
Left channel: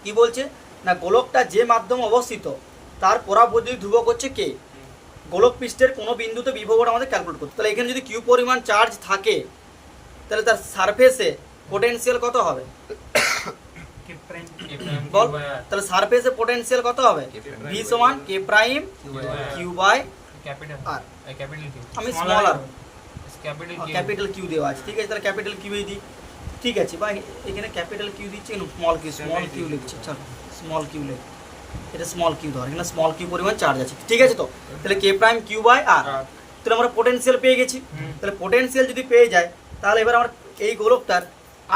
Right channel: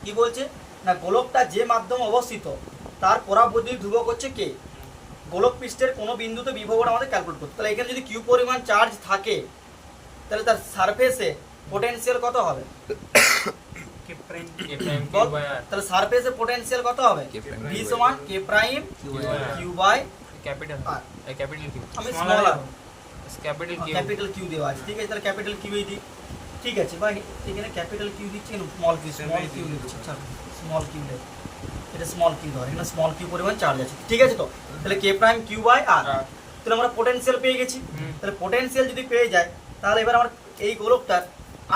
কি বলছে না, গোলকটা যে মাধ্যমে অবস্থিত তার পরাবৈদ্যুতিক ধ্রুবক হচ্ছে কে। গোলক পৃষ্ঠের কোনো বিন্দুতে বিভবটা আমাদের ক্যালকুলেট করতে, তাহলে এখানে যদি কিউ পরিমাণ চার্জ থাকে তাহলে তার সারফেসে পোটেনশিয়াল কত হবে বল? তাহলে সারফেসে পোটেনশিয়াল কত হবে? K' ভি সমান K prime Q by capital R capital Q আমি small R capital Q capital Q দেওয়া আছে। ঠিক আছে, তাহলে ক্যাপিটাল কিউ দিই। ঠিক আছে ভাই, এখানে ক্যাপিটাল কিউ দিচ্ছে, স্মল কিউ লিখছি। চল স্মল কিউ লিখ, এটা স্মল কিউ ধর, এখানে স্মল কিউ পরিমাণ চার্জ আছে। ঠিক আছে, তো তাহলে কে প্রাইম কিউ বাই আর, তাহলে আমরা পোটেনশিয়াল পেয়ে গেছি। তাহলে পোটেনশিয়াল যদি পেয়ে যায় তাহলে এবার আমরা এই গোলকটার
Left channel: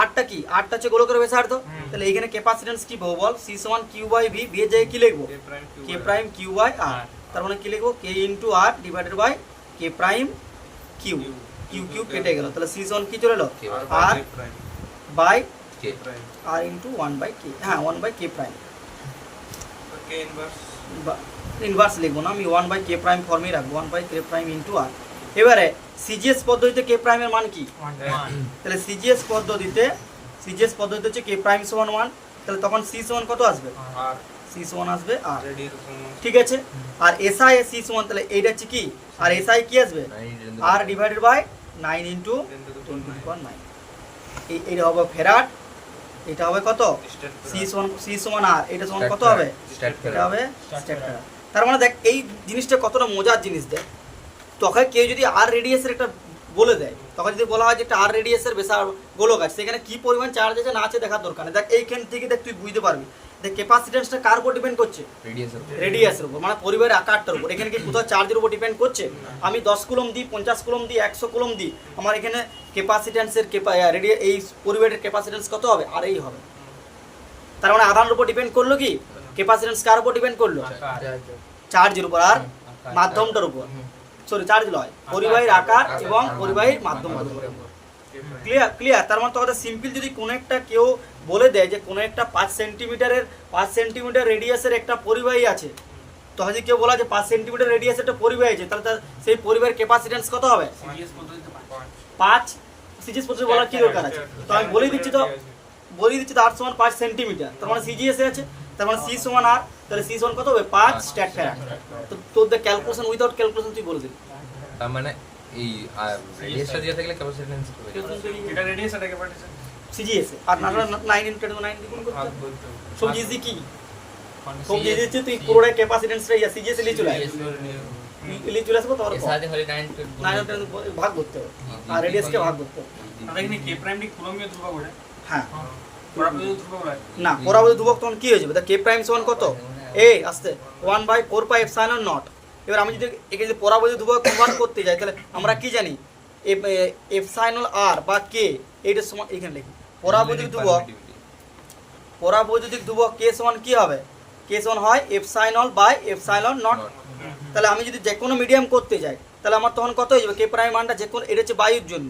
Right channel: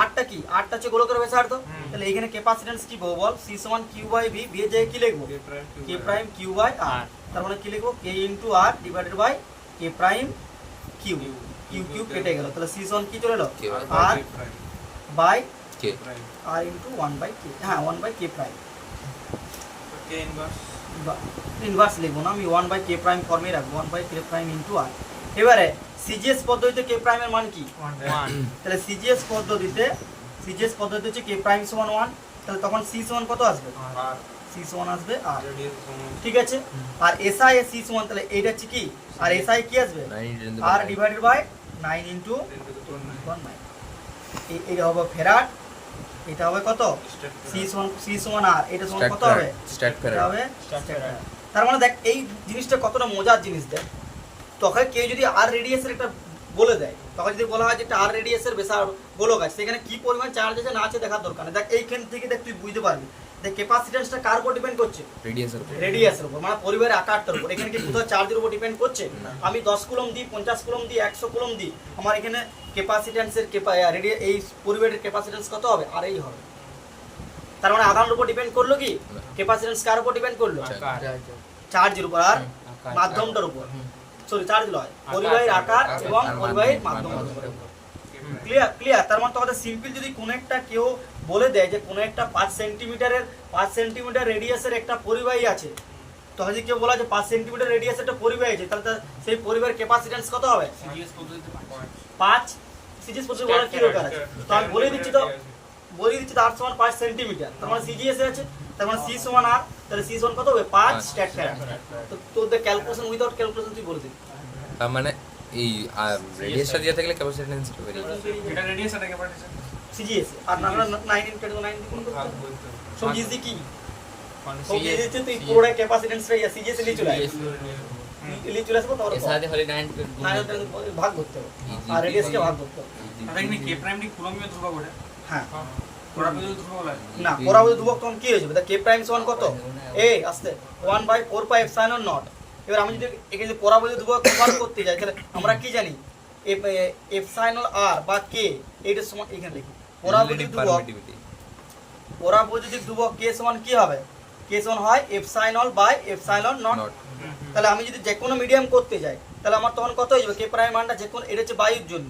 আরটা কি, আরটা হচ্ছে গোলকের ব্যাসার্ধ। তাহলে এখানে ক্যাপাসিট্যান্স কি পাবো বল? সি সমান কিউ বাই ভি, ভি এর জায়গায় কি লিখবো? K prime Q by R. তার মানে কি লিখবো? K into R divided by K prime Q, Q Q কেটে গেল, তাহলে সি সমান কি চলে এলো? R by K R into 1 by K, হ্যাঁ 1 by K prime. K inverse inverse লিখবো না, আমি 1 বাই কে প্রাইম ফর্মে রাখবো, 1 বাই কে প্রাইম ইন্টু আর। এবারে সিজিএস পদ্ধতিতে কে প্রাইমের মান কি? তাহলে সিজিএস পদ্ধতিতে হচ্ছে কে প্রাইম সমান 1, তাহলে তখন সি সমান কত আসবে? আর সি সমান আসবে আর। রেডিয়াস সমান ঠিক আছে, আর এসআই সি সমান, তাহলে এইটা হচ্ছে কি, আর এসআই কি আসবে? আর ডিভাইডেড বাই 9 ইন্টু 10^9। এইটা হবে ফেরাড, এটা হবে কত? সি সমান আর, এটা সমান কত হবে? স্ট্যাট এটা হবে স্ট্যাট ফেরাড। তার মানে দেখ এই জিনিসটা কতটা মজার জিনিস। দেখ তখন কেউ যদি আর রেডিয়াসের একটা বলে দেয়, তখন যদি বলা হয় যে একটা আর রেডিয়াসের বেসার গোলক আছে, সেখানে কি পরিমাণ চার্জ আছে না আছে দেখার দরকার নেই। দেখ এইখান থেকে দেখ তুই বুঝতে পারবি। দেখ ক্যাপাসিট্যান্সটা কার উপর ডিপেন্ড করছে? রেডিয়াসের রেডিয়াসের উপর, মানে পরিবারের আকারটার উপর। এখানে কি কোথাও চার্জের উপর ডিপেন্ড করছে? আমি 10 কুলম দিই, 50 কুলম দিই, 100 কুলম দিই, আমার এখানে ক্যাপাসিট্যান্সের এই পরিবারের ক্যাপাসিট্যান্স কত হবে? আর এই হবে। তার মানে আধানের উপর ডিপেন্ড করলো কি, ক্যাপাসিট্যান্স কার উপর ডিপেন্ড করলো? চার্জের উপর আর মাধ্যমটার উপর। সরি, চার্জ নয়, পরিবাহীর আকার এবং পরিবাহীর মাধ্যম। ক্লিয়ার। তার মানে তোমাদের সিম্পল যদি কোনো একটা কেউ বলে দেয় যে কোনো একটা 5 সেন্টিমিটার রেডিয়াসের একটা পরিবাহী আছে, তখন যদি কেউ বলা যে 5 সেন্টিমিটার রেডিয়াসের একটা পরিবাহী আছে, তাহলে সেই পরিবাহীর ক্যাপাসিট্যান্স কত হবে? সিজিএস পদ্ধতিতে 5। সিজিএস পদ্ধতি বলার কি দরকার আছে? তো আমি বলে দিচ্ছি তো আর সমান 5 সেন্টিমিটার, তার মানে সিজিএস আছে, তার মানে সি সমান আর, তাহলে সি সমান কত হবে? 5 স্ট্যাট ফেরাড। তো তোদের ক্যালকুলেশন উইদাউট ক্যালকুলেশন তুই বলে দিবি। তার মানে এই রেডিয়াসটা দিয়ে থাকলে ক্যাপাসিট্যান্স কি বেরিয়ে যাবে? এটা রেডিয়াস এটা ক্যাপাসিট্যান্স সিজিএস আর না 9 ইনটু 9 গুণ করতে ভাগ হবে। বলতে হবে। সব ইজি কি, সব ইজি হচ্ছে তুই পুরোটা ক্যাপাসিট্যান্সটা সিজিএস এ চলে আসে, লিখে চলে আসবে তোর সাথে হলে 9 ভাগ করতে হবে, আর রেডিয়াসকে ভাগ করতে হবে। আর এখানে কে প্রাইমটি কুলম্বীয় ধ্রুবক ওটা হ্যাঁ, পরাবৈদ্যুতিক ধ্রুবক হয় না পরাবৈদ্যুতিক ধ্রুবক তখন কি হয়ে যাবে? কে প্রাইম সমান কত? এই আস্তে 1 বাই 4 পাই এপসাইলন নট। এবার আমি যদি এখানে পরাবৈদ্যুতিক ধ্রুবক কনভার্ট করতে যাই, তাহলে আমরা কি জানি? এপসাইলন আর বা কে, এইটার সমান এখানে লিখি পরাবৈদ্যুতিক ধ্রুবক কে সমান কি হবে? কে সমান হয় এপসাইলন বাই এপসাইলন নট। তাহলে আমি যদি যে কোনো মিডিয়াম করতে যাই, তাহলে আমার তখন কত হয়ে যাবে? কে প্রাইম মানটা যে কোনো, এটা হচ্ছে বায়ুর জন্য,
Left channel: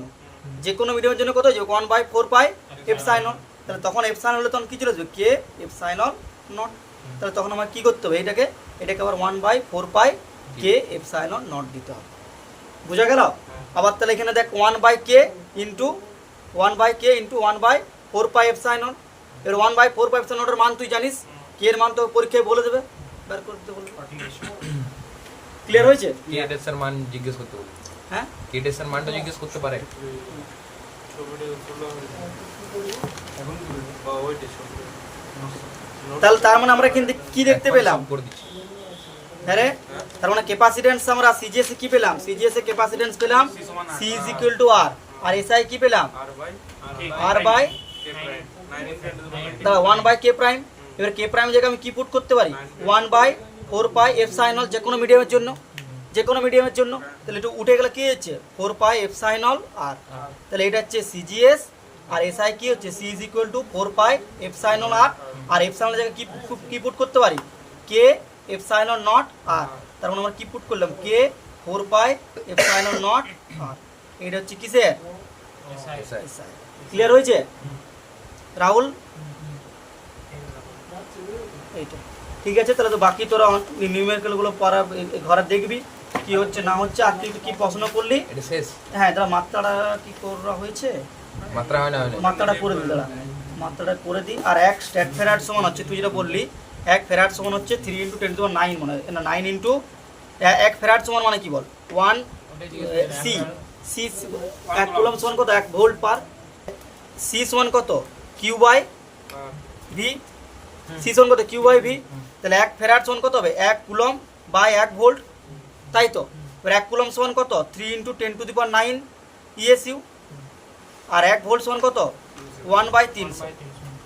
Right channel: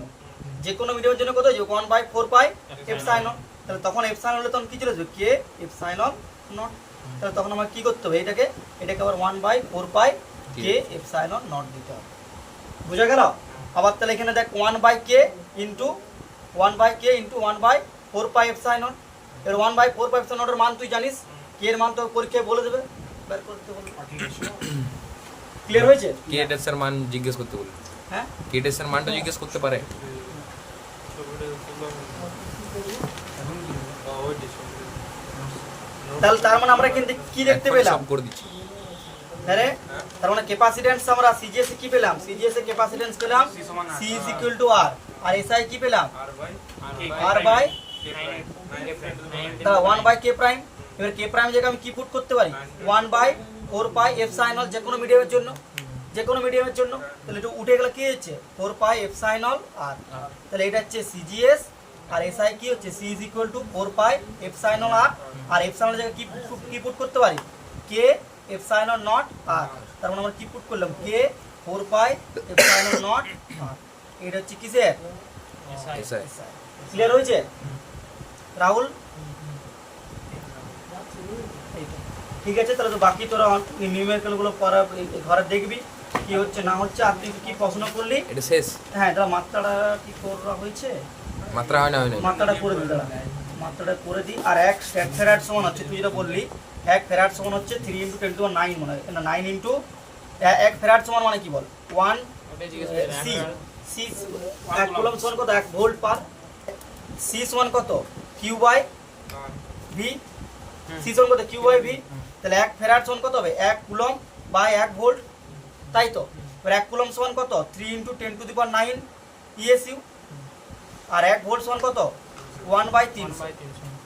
যে কোনো মিডিয়ামের জন্য কত হয়ে যাবে? 1 বাই 4 পাই এপসাইলন। তাহলে তখন এপসাইলন হলে তখন কি চলে আসবে? K epsilon naught. তাহলে তখন আমার কি করতে হবে? এটাকে আবার 1 by 4 pi K epsilon naught দিতে হবে। বুঝা গেল? আবার তাহলে এখানে দেখ 1 by K into 1 by 4 pi epsilon. এর 1 বাই 4 পাই এপসাইলন এর মান তুই জানিস, কে এর মান তো পরীক্ষায় বলে দেবে, বের করে দিতে বলবে। ক্লিয়ার হয়েছে? কে এর মান জিজ্ঞেস করতে বলি, হ্যাঁ, কে এর মানটা জিজ্ঞেস করতে পারে। তাহলে তার মানে আমরা কিন্তু কি দেখতে পেলাম? সব করে দিচ্ছি। হ্যাঁ, তার মানে ক্যাপাসিট্যান্স আমরা সিজিএস এ কি পেলাম? সিজিএস এ ক্যাপাসিট্যান্স পেলাম C is equal to R, আর এসআই কি পেলাম? আর বাই তাহলে 1 বাই কে প্রাইম। এবার কে প্রাইম জায়গায় আমি কি পুট করতে পারি? 1 বাই 4 পাই এপসাইলন, যে কোনো মিডিয়ামের জন্য, তাহলে একটু উঠে গেলে কি হচ্ছে? 4 পাই এপসাইলন আর। তাহলে এটা হচ্ছে সিজিএস, আর এসআই কি হচ্ছে? C is equal to 4 pi epsilon R, আর এপসাইলন জায়গায় কি পুট করতে পারি? K epsilon naught R. তার মানে আমরা কি পুট করলাম? K 4 pi epsilon naught R. এটা হচ্ছে কিসের? এসআই। ক্লিয়ার হয়েছে রাহুল? এই তো ঠিক আছে, তাহলে তো বাকি তোরা নিউমেরিক্যাল গুলো পড়া ঘরে দেখবি কি হচ্ছে না হচ্ছে। আর তুই কি প্রশ্ন করলি? এটা শেষ হ্যাঁ, তাহলে মাত্রাটা কি করা হয়েছে? মাত্রা হয় না মাত্রাটা করে দিই, দাঁড়া মাত্রাটা করে দিই। আর এক ফেরাড সমান হচ্ছে, তুই যেটা বললি 1 ফেরাড সমান হচ্ছে 3 × 10⁹ মানে 9 ইন্টু 1 ফেরাড সমান মানে কি বল 1 সি সি 1 কুলম সমান কত 1 ভোল্ট পার সি সমান কত কিউ বাই ভি সি সমান কত কিউ বাই ভি। তাহলে 1 ফেরাড সমান কত হবে 1 কুলম বাই 1 ভোল্ট, তাই তো। এবার 1 কুলম সমান কত 3 × 10⁹ ইএসইউ। আর 1 ভোল্ট সমান কত 1/300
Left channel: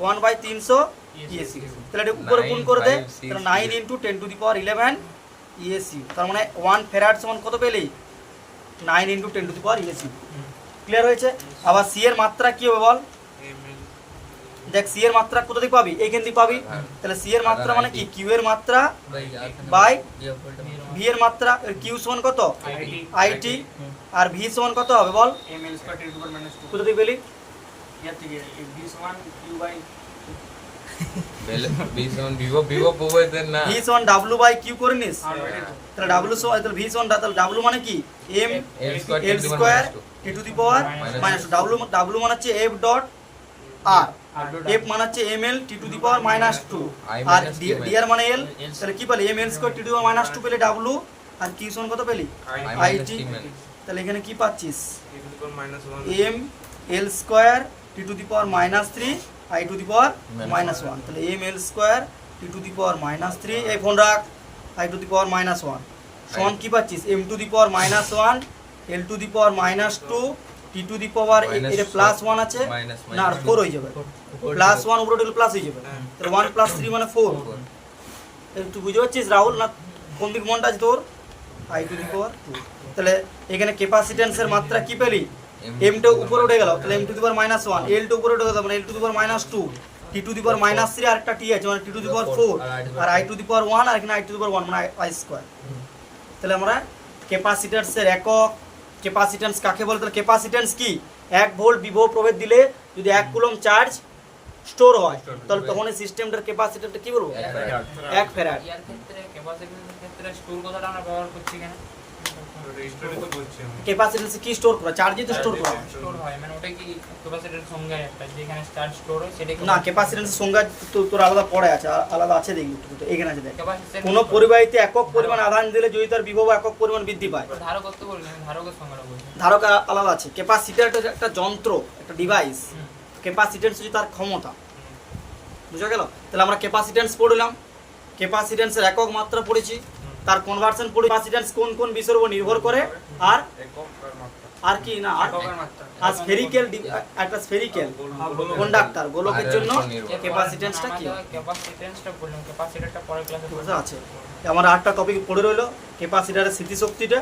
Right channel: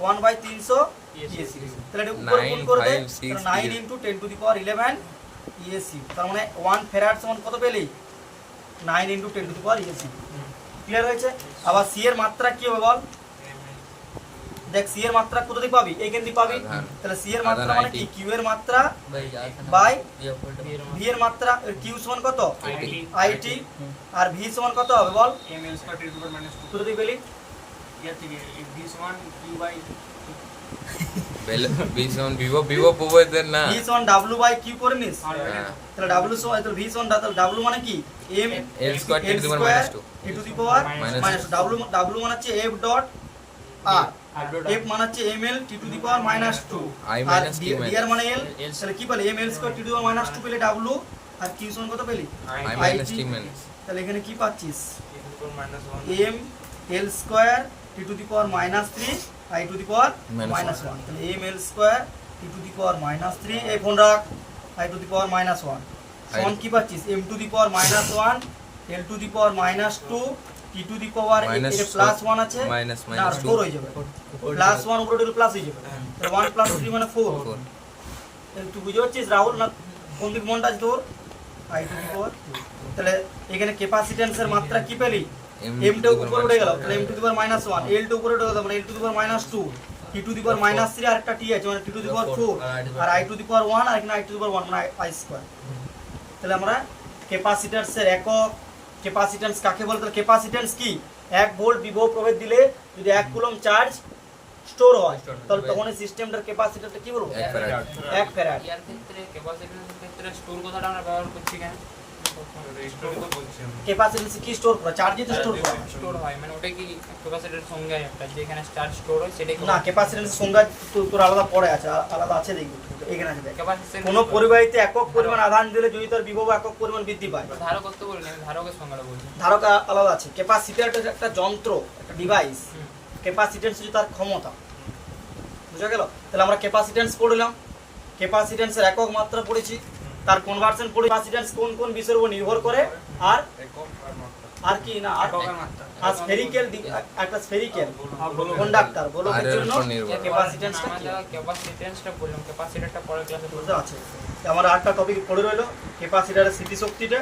1/300 ইএসইউ। তাহলে এটা উপরে গুণ করে দে, তাহলে 9 × 10⁻11 ইএসইউ। তার মানে 1 ফেরাড সমান কত পেলি 9 × 10⁻11 ইএসইউ। ক্লিয়ার হয়েছে? আবার সি এর মাত্রা কি হবে বল? দেখ সি এর মাত্রা কোথা থেকে পাবি? এইখান থেকে পাবি। তাহলে সি এর মাত্রা মানে কি কিউ এর মাত্রা বাই ভি এর মাত্রা। কিউ সমান কত আইটি, আর ভি সমান কত হবে বল? ml স্কয়ার টেন টু পাওয়ার মাইনাস 2 কোথা থেকে পেলি? ইয়ার থেকে v সমান q বাই ভিভো প্রোভাইডার না ভি সমান ডাব্লিউ বাই কিউ করে নিস। আর বাইরে তো তাহলে ডাব্লিউ সমান তাহলে ভি সমান তাহলে ডাব্লিউ মানে কি M L square L square T to the power minus W মানে হচ্ছে এফ ডট আর, এফ মানে হচ্ছে M L T to the power minus 2 I R minus T D R মানে এল। তাহলে কি পেলি M L square T to the power minus 2 পেলে W, আর কিউ সমান কত পেলি I IT. minus T minus তাহলে এখানে কি পাচ্ছিস -1 M L square T to the power minus 3 I to the power minus 1। তাহলে M L square T to the power minus 3 এই ফোন রাখ I to the power minus 1 সমান কি পাচ্ছিস M to the power minus 1 L to the power minus 2 T to the power এর plus 1 আছে minus না 4 হয়ে যাবে, প্লাস 1 উপরে দিলে প্লাস হয়ে যাবে। তাহলে 1 প্লাস 3 মানে 4। তুই বুঝতে পারছিস রাহুল না কোন দিক মনটা আছে তোর? আই টু দি পাওয়ার 2। তাহলে এখানে ক্যাপাসিট্যান্সের মাত্রা কি পেলি এম টা উপরে উঠে গেল, তাহলে M to the power minus 1 L টা উপরে উঠে গেল মানে L to the power minus 2 T to the power minus 3 আর একটা টি আছে মানে টি টু দি পাওয়ার 4 আর আই টু দি পাওয়ার 1 আর এখানে আই টু দি পাওয়ার 1 মানে আই স্কয়ার। তাহলে আমরা ক্যাপাসিট্যান্সের একক ক্যাপাসিট্যান্স কাকে বলে? তাহলে ক্যাপাসিট্যান্স কি 1 ভোল্ট বিভব প্রভেদ দিলে যদি 1 কুলম চার্জ স্টোর হয় তাহলে তখন এই সিস্টেমটার ক্যাপাসিটরটা কি বলবো 1 ফ্যারাড। ইয়ার ক্ষেত্রে ক্যাপাসিটরের ক্ষেত্রে স্টোর কথাটা আমরা ব্যবহার করছি কেন? ক্যাপাসিট্যান্স কি স্টোর করা? চার্জই তো স্টোর করা। স্টোর হয় মানে ওটা কি ক্যাপাসিটরের সঙ্গে একটা যেখানে চার্জ স্টোর হয় সেটা কি না ক্যাপাসিট্যান্সের সংজ্ঞা তো তোর আলাদা পড়ে আছে, আলাদা আছে দেখবি তো এখানে আছে দেখ। ক্যাপাসিটর কোন পরিবাহিতে একক পরিমাণ আধান দিলে যদি তার বিভব একক পরিমাণ বৃদ্ধি পায়। ধারক তো বলি আমি ধারকের সংজ্ঞাটা বলছি। ধারক আলাদা আছে, ক্যাপাসিটর একটা যন্ত্র একটা ডিভাইস, ক্যাপাসিট্যান্স হচ্ছে তার ক্ষমতা। বুঝা গেল? তাহলে আমরা ক্যাপাসিট্যান্স পড়লাম, ক্যাপাসিট্যান্সের একক মাত্রা পড়েছি, তার কনভার্সন পড়ি, ক্যাপাসিট্যান্স কোন কোন বিষয়ের উপর নির্ভর করে আর আর কি না এককের মাত্রা আর স্ফেরিক্যাল একটা স্ফেরিক্যাল কন্ডাক্টর গোলকের জন্য ক্যাপাসিট্যান্সটা কি ক্যাপাসিটরটা পড়লাম ক্যাপাসিটরটা পরের ক্লাসে বুঝা আছে। আমরা আরেকটা টপিক পড়ে রইলো ক্যাপাসিটরের স্মৃতিশক্তিটা।